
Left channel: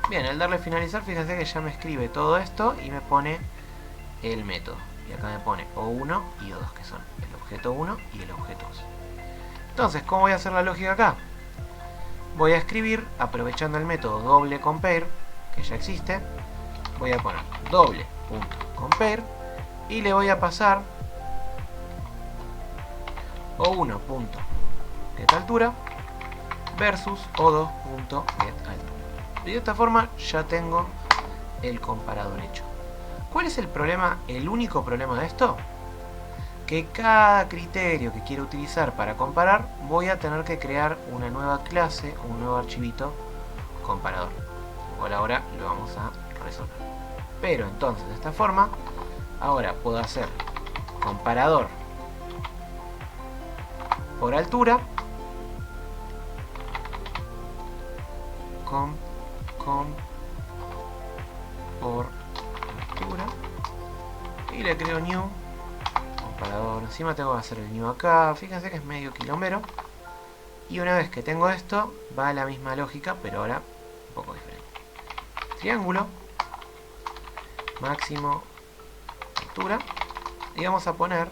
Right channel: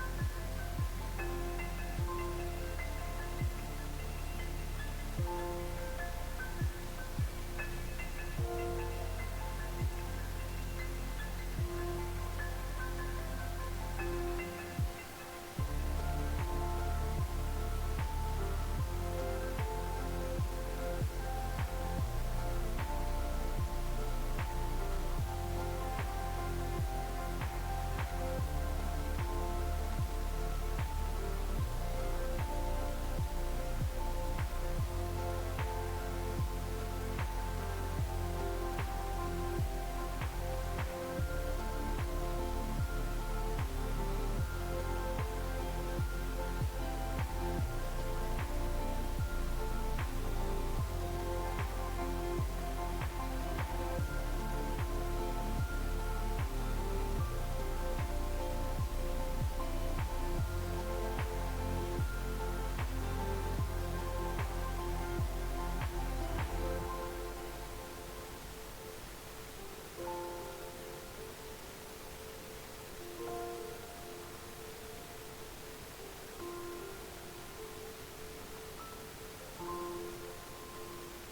Bien, al darle finalizar, fíjense que ya me escribe todo esto y me pone el método. Y acá me pone O1 y O2, que son el objeto 1 y el objeto 2. Entonces, ¿cómo voy a hacer la lógica acá? Voy a escribir, aprovechando el método doble compare, que ya existe, voy a poner doble.compare y le voy a pasar O1.getAltura versus O2.getAltura. Y de esta forma ya tengo el comparador hecho. ¿Cuál es el problema, el único problema de esto? Que cada criterio que quiero utilizar para comparar voy a tener que crear una nueva clase, un nuevo archivito comparador. Por ahora lo vamos a resolver. Pero entonces de esta forma ahora puedo hacer comparador por altura le creo new comparador. Encima tengo que hacer el new acá. Fíjense que es medio quilombero. Y una vez que tengo esto, va a la misma lógica, pero ahora un poco diferente. Triángulo, máximo, altura. Y vamos a poner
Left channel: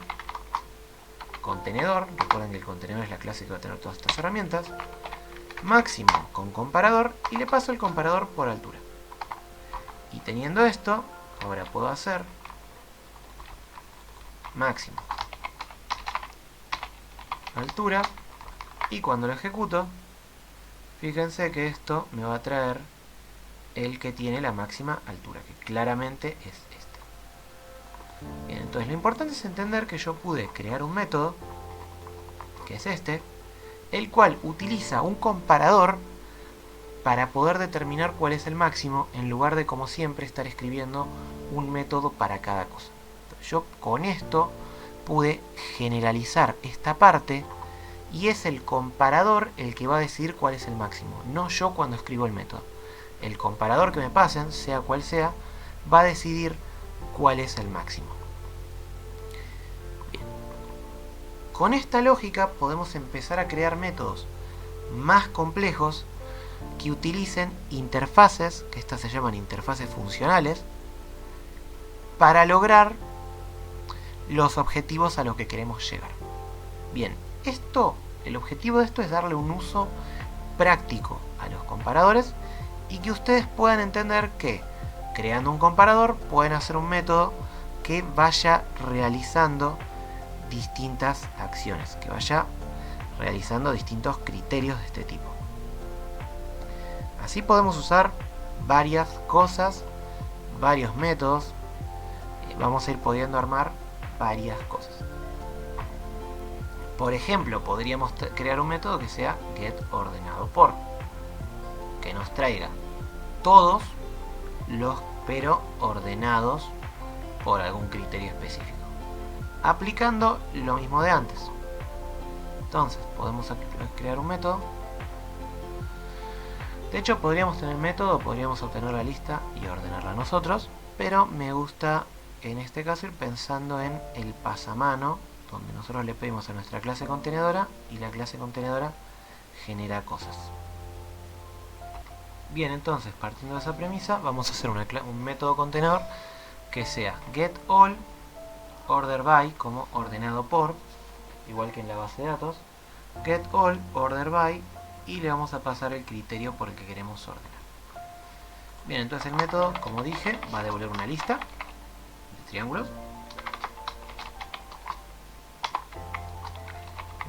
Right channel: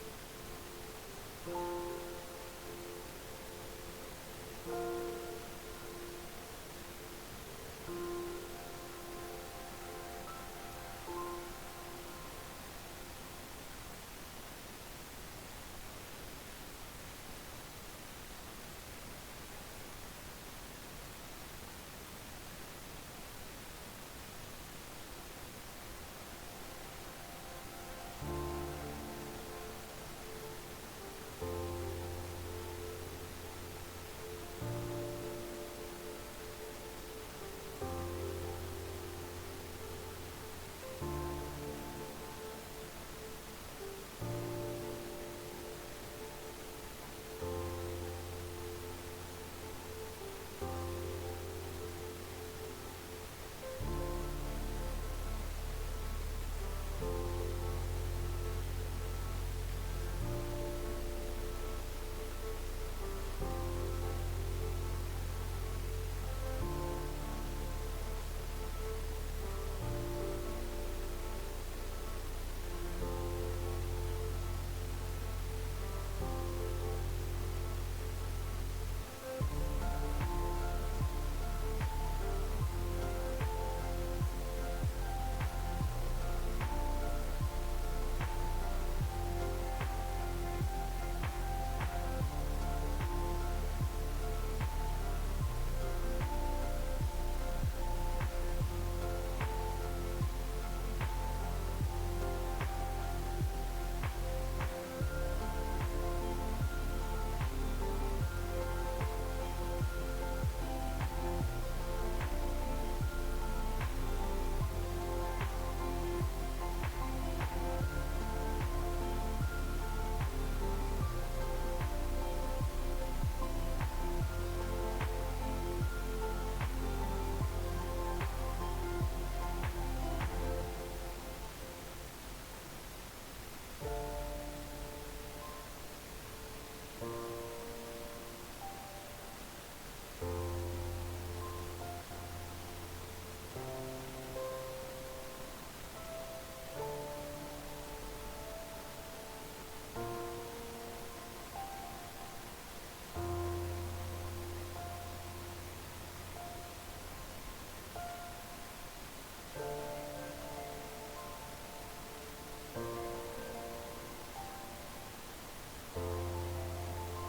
contenedor. Recuerden que el contenedor es la clase que va a tener todas estas herramientas. Máximo con comparador. Y le paso el comparador por altura. Y teniendo esto, ahora puedo hacer máximo, altura, y cuando lo ejecuto, fíjense que esto me va a traer el que tiene la máxima altura, que claramente es este. Bien, entonces lo importante es entender que yo pude crear un método, que es este, el cual utiliza un comparador para poder determinar cuál es el máximo, en lugar de, como siempre, estar escribiendo un método para cada cosa. Yo con esto pude generalizar esta parte y es el comparador el que va a decidir cuál es el máximo, no yo cuando escribo el método. El comparador que me pasen, sea cual sea, va a decidir cuál es el máximo. Bien. Con esta lógica podemos empezar a crear métodos más complejos que utilicen interfaces, que estas se llaman interfaces funcionales, para lograr los objetivos a los que queremos llegar. Bien, el objetivo de esto es darle un uso práctico a los comparadores y que ustedes puedan entender que creando un comparador pueden hacer un método que vaya realizando distintas acciones, que vaya realizando distintos criterios de este tipo. Así podemos usar varias cosas, varios métodos, vamos a ir pudiendo armar varias cosas. Por ejemplo, podríamos crear un método que sea getOrdenadopor, que nos traiga todos los pero ordenados por algún criterio específico, aplicando lo mismo de antes. Entonces, podemos crear un método. De hecho, podríamos tener el método, podríamos obtener la lista y ordenarla nosotros, pero me gusta en este caso ir pensando en el pasamano, donde nosotros le pedimos a nuestra clase contenedora y la clase contenedora genera cosas. Bien, entonces, partiendo de esa premisa, vamos a hacer un método contenedor que sea getAll order by, como ordenado por, igual que en la base de datos, getAll order by, y le vamos a pasar el criterio por el que queremos ordenar. Bien, entonces el método, como dije, va a devolver una lista de triángulos.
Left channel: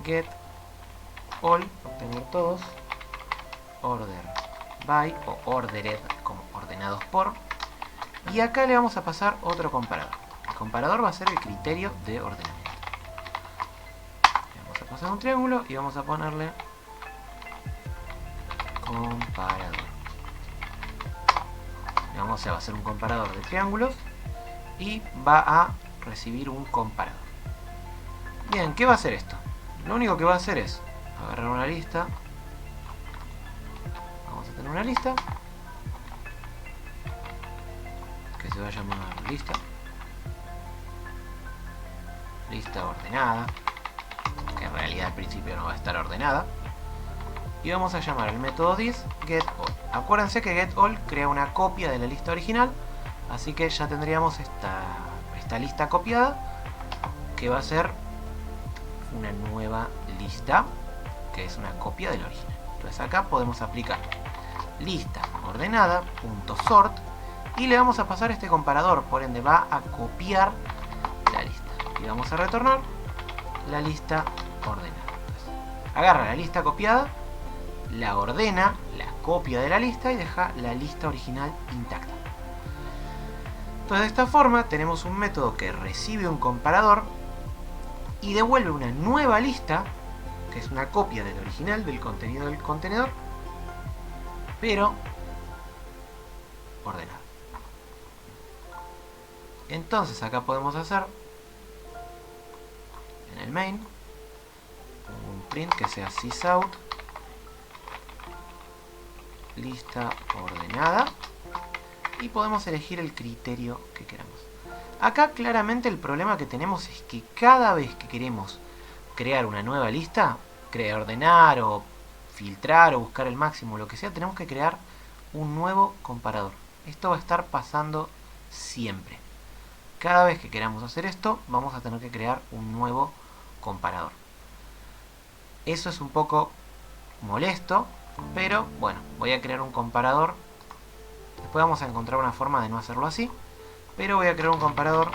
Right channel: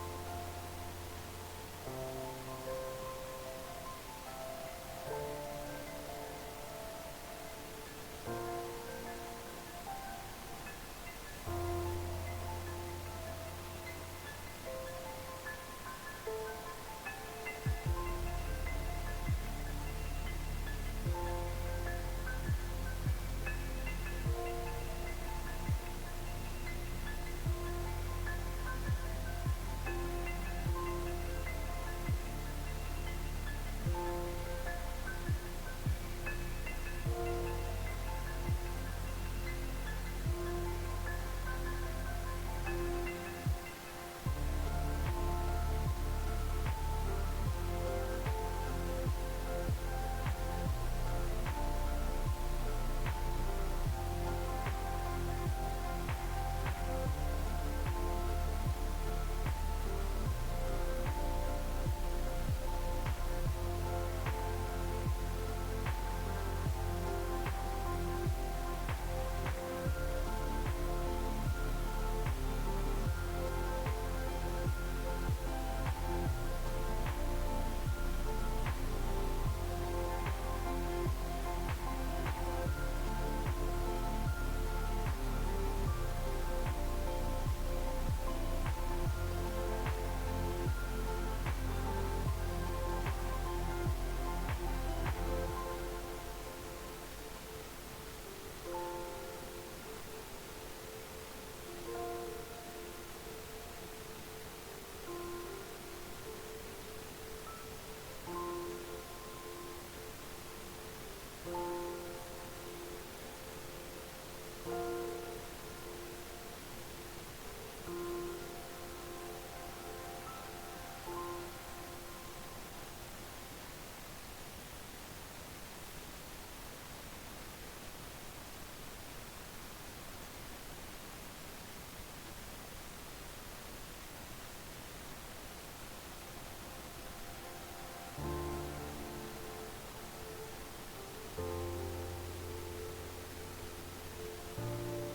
Get all, obtener todos, order by o ordered, como ordenados por, y acá le vamos a pasar otro comparador. El comparador va a ser el criterio de ordenamiento. Vamos a pasar un triángulo y vamos a ponerle comparador. Vamos a hacer un comparador de triángulos y va a recibir un comparador. Bien, ¿qué va a hacer esto? Lo único que va a hacer es agarrar una lista. Vamos a tener una lista que se va a llamar lista ordenada, que en realidad al principio no va a estar ordenada, y vamos a llamar al método this getAll. Acuérdense que getAll crea una copia de la lista original, así que ya tendríamos esta lista copiada, que va a ser una nueva lista, que es una copia del original. Entonces acá podemos aplicar lista ordenada.sort y le vamos a pasar este comparador, por ende va a copiar la lista y vamos a retornar la lista ordenada. Entonces, agarra la lista copiada, la ordena, la copia de la lista y deja la lista original intacta. Entonces de esta forma tenemos un método que recibe un comparador y devuelve una nueva lista, que es una copia del original, del contenido del contenedor, pero ordenada. Entonces acá podemos hacer en el main un print que sea sysout lista ordenada y podemos elegir el criterio que queramos. Acá claramente el problema que tenemos es que cada vez que queremos crear una nueva lista, ordenar o filtrar o buscar el máximo, lo que sea, tenemos que crear un nuevo comparador. Esto va a estar pasando siempre. Cada vez que queramos hacer esto, vamos a tener que crear un nuevo comparador. Eso es un poco molesto, pero bueno, voy a crear un comparador. Después vamos a encontrar una forma de no hacerlo así, pero voy a crear un comparador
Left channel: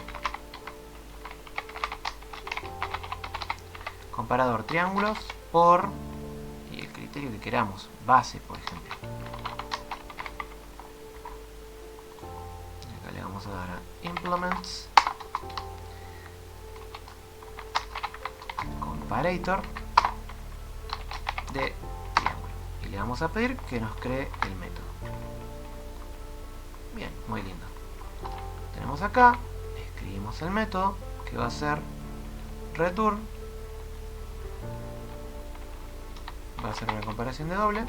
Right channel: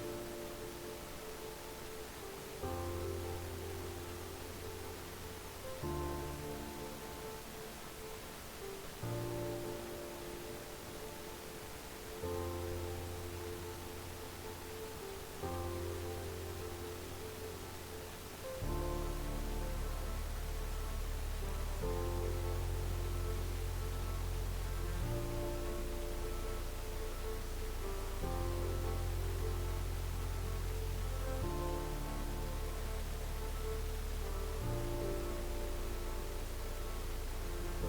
triángulos por el criterio que queramos, base por ejemplo. Acá le vamos a dar a implements comparator de triángulo y le vamos a pedir que nos cree el método. Bien, muy lindo. Tenemos acá, escribimos el método que va a ser return, va a ser una comparación de doble.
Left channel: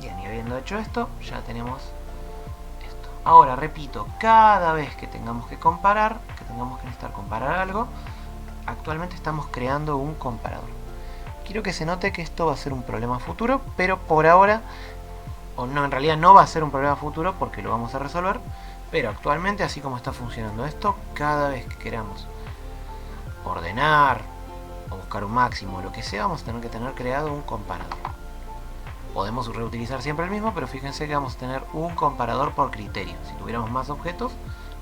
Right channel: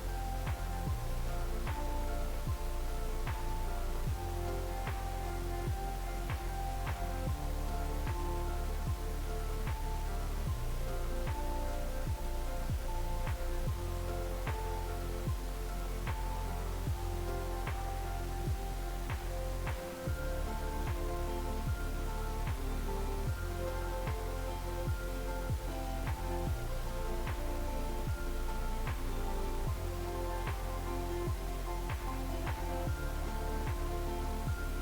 Bien, y habiendo hecho esto, ya tenemos esto. Ahora, repito, cada vez que tengamos que comparar, que tengamos que necesitar comparar algo, actualmente estamos creando un comparador. Quiero que se note que esto va a ser un problema futuro, pero por ahora, o no, en realidad no va a ser un problema futuro porque lo vamos a resolver, pero actualmente, así como está funcionando esto, cada vez que queramos ordenar o buscar un máximo o lo que sea, vamos a tener que tener creado un comparador. Podemos reutilizar siempre el mismo, pero fíjense que vamos a tener un comparador por criterio. Si tuviéramos más objetos,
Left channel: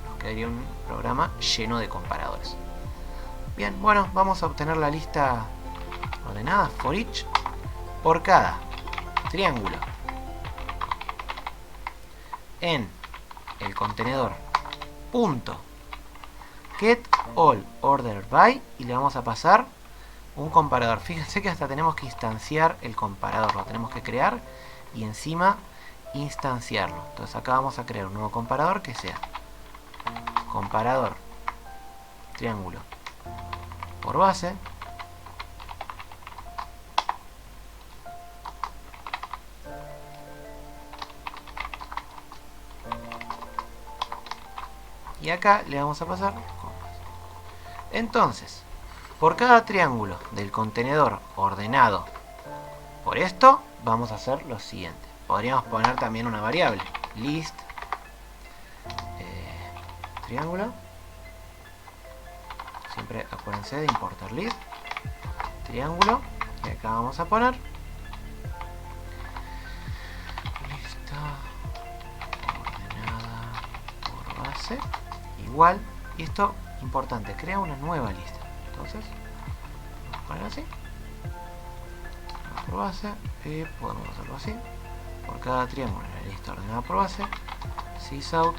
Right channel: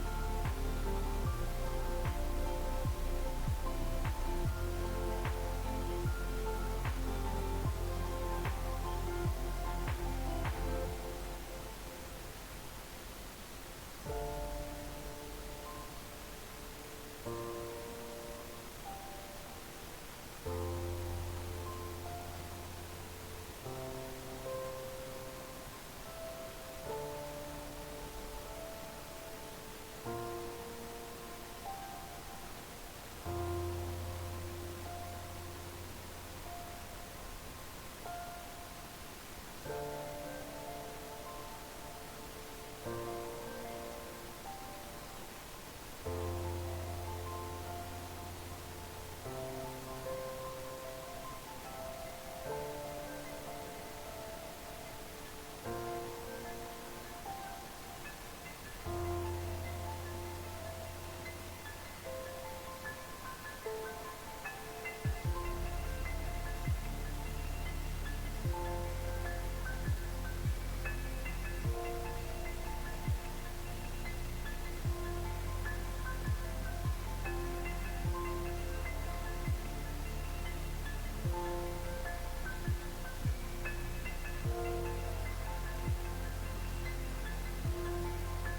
nos quedaría un programa lleno de comparadores. Bien, bueno, vamos a obtener la lista ordenada for each por cada triángulo en el contenedor punto get all ordered by y le vamos a pasar un comparador. Fíjense que hasta tenemos que instanciar el comparador, lo tenemos que crear y encima instanciarlo. Entonces acá vamos a crear un nuevo comparador que sea comparador triángulo por base y acá le vamos a pasar. Entonces, por cada triángulo del contenedor ordenado por esto, vamos a hacer lo siguiente. Podríamos poner también una variable, list triángulo. Siempre acuérdense de importar list triángulo. Y acá vamos a poner lista ordenada por base igual. Y esto, importante, crea una nueva lista. Entonces, vamos a poner así. Por base. Y podemos hacerlo así. Por cada triángulo en la lista ordenada por base. Sysout.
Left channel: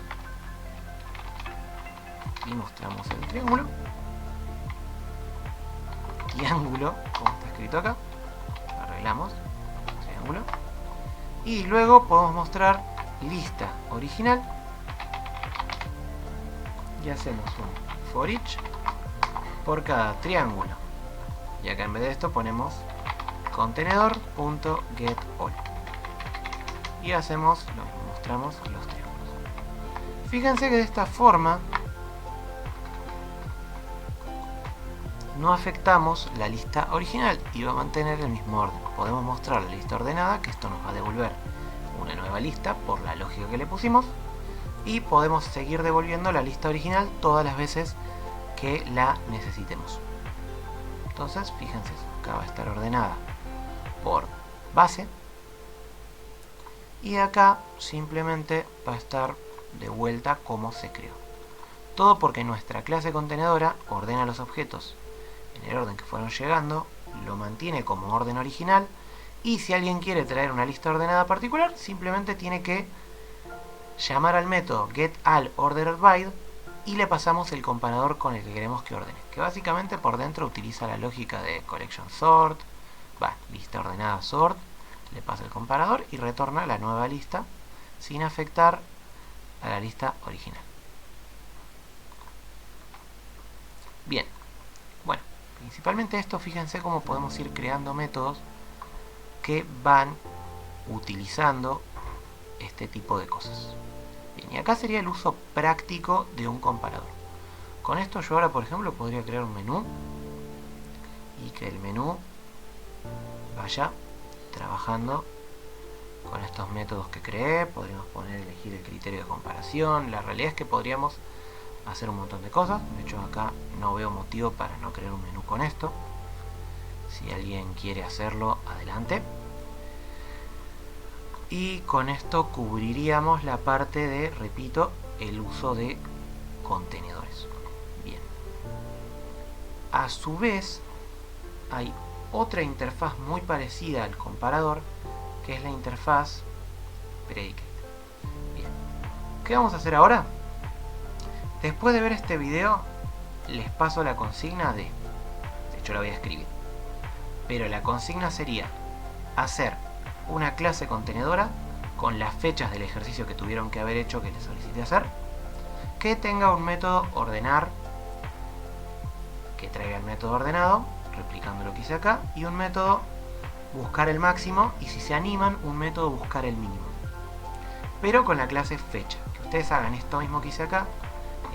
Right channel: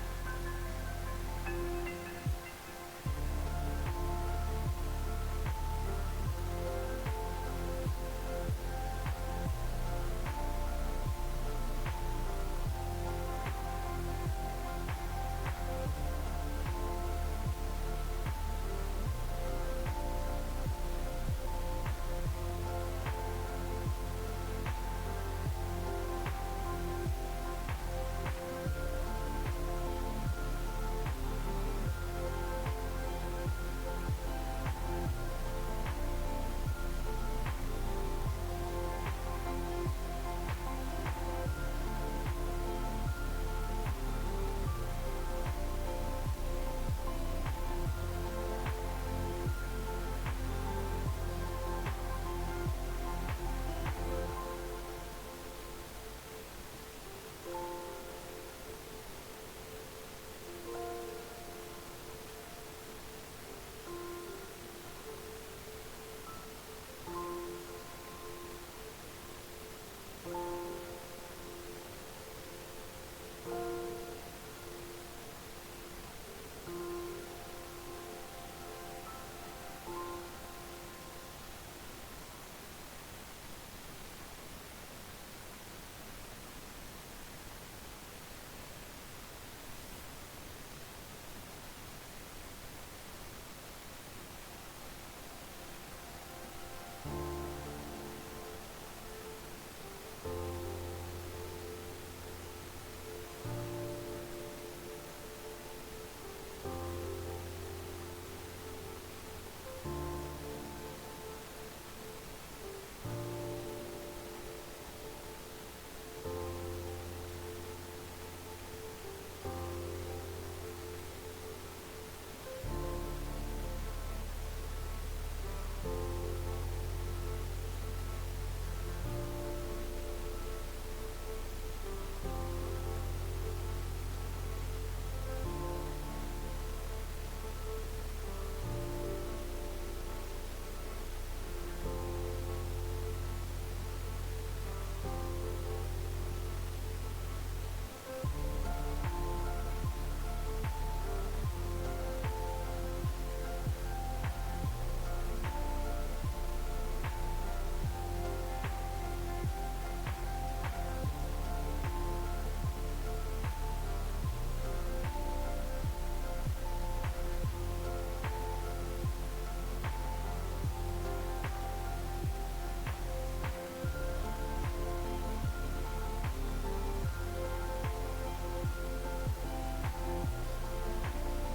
Y mostramos el triángulo. Triángulo, como está escrito acá. Arreglamos. Triángulo. Y luego podemos mostrar lista original. Y hacemos un for each por cada triángulo. Y acá en vez de esto ponemos contenedor.getAll. Y hacemos, mostramos los triángulos. Fíjense que de esta forma no afectamos la lista original y va a mantener el mismo orden. Podemos mostrar la lista ordenada, que esto nos va a devolver una nueva lista por la lógica que le pusimos. Y podemos seguir devolviendo la lista original todas las veces que la necesitemos. Entonces, fíjense, acá va a estar ordenada por base y acá simplemente va a estar de vuelta como se creó. Todo porque nuestra clase contenedora ordena los objetos en el orden que fueron llegando, lo mantiene como orden original y si alguien quiere traer una lista ordenada particular, simplemente tiene que llamar al método getAllOrderedBy y le pasamos el comparador con el que queremos que ordene, que básicamente por dentro utiliza la lógica de collection sort, lista ordenada sort, le pasa el comparador y retorna la nueva lista sin afectar a la lista original. Bien, bueno, principalmente esto, fíjense cómo podemos ir creando métodos que van utilizando este tipo de cosas. Bien, y acá sería el uso práctico de un comparador. Con esto yo ahora, por ejemplo, podría crear un menú y que el menú vaya trabajando con estos métodos que creé. Podríamos elegir el criterio de comparación. La realidad es que podríamos hacer un montón de cosas. De hecho, acá no veo motivo para no crear un menú con esto. Si alguien quiere hacerlo, adelante. Y con esto cubriríamos la parte de, repito, el uso de contenedores. Bien. A su vez, hay otra interfaz muy parecida al comparador, que es la interfaz predicate. Bien. ¿Qué vamos a hacer ahora? Después de ver este video, les paso la consigna de hecho la voy a escribir, pero la consigna sería hacer una clase contenedora con las fechas del ejercicio que tuvieron que haber hecho, que les solicité hacer, que tenga un método ordenar, que traiga el método ordenado, replicando lo que hice acá, y un método buscar el máximo, y si se animan, un método buscar el mínimo, pero con la clase fecha. Que ustedes hagan esto mismo que hice acá,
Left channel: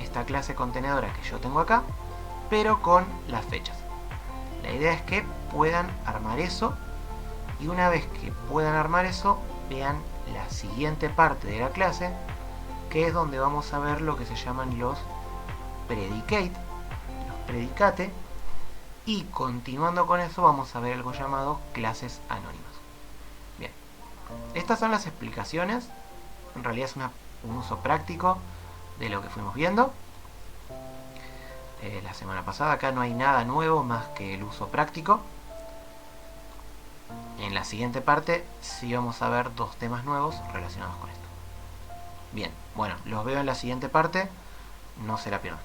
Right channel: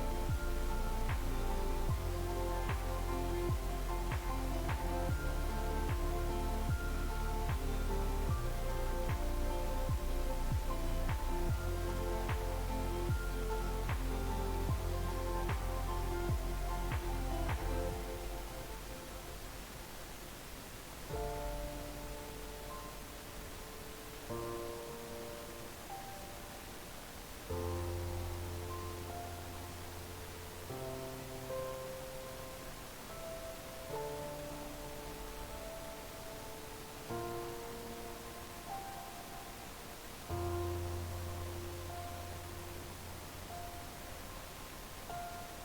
esta clase contenedora que yo tengo acá, pero con las fechas. La idea es que puedan armar eso, y una vez que puedan armar eso, vean la siguiente parte de la clase, que es donde vamos a ver lo que se llaman los predicate, y continuando con eso vamos a ver algo llamado clases anónimas. Bien, estas son las explicaciones. En realidad es un uso práctico de lo que fuimos viendo la semana pasada. Acá no hay nada nuevo más que el uso práctico. En la siguiente parte sí vamos a ver dos temas nuevos relacionados con esto. Bien, bueno, los veo en la siguiente parte, no se la pierdan.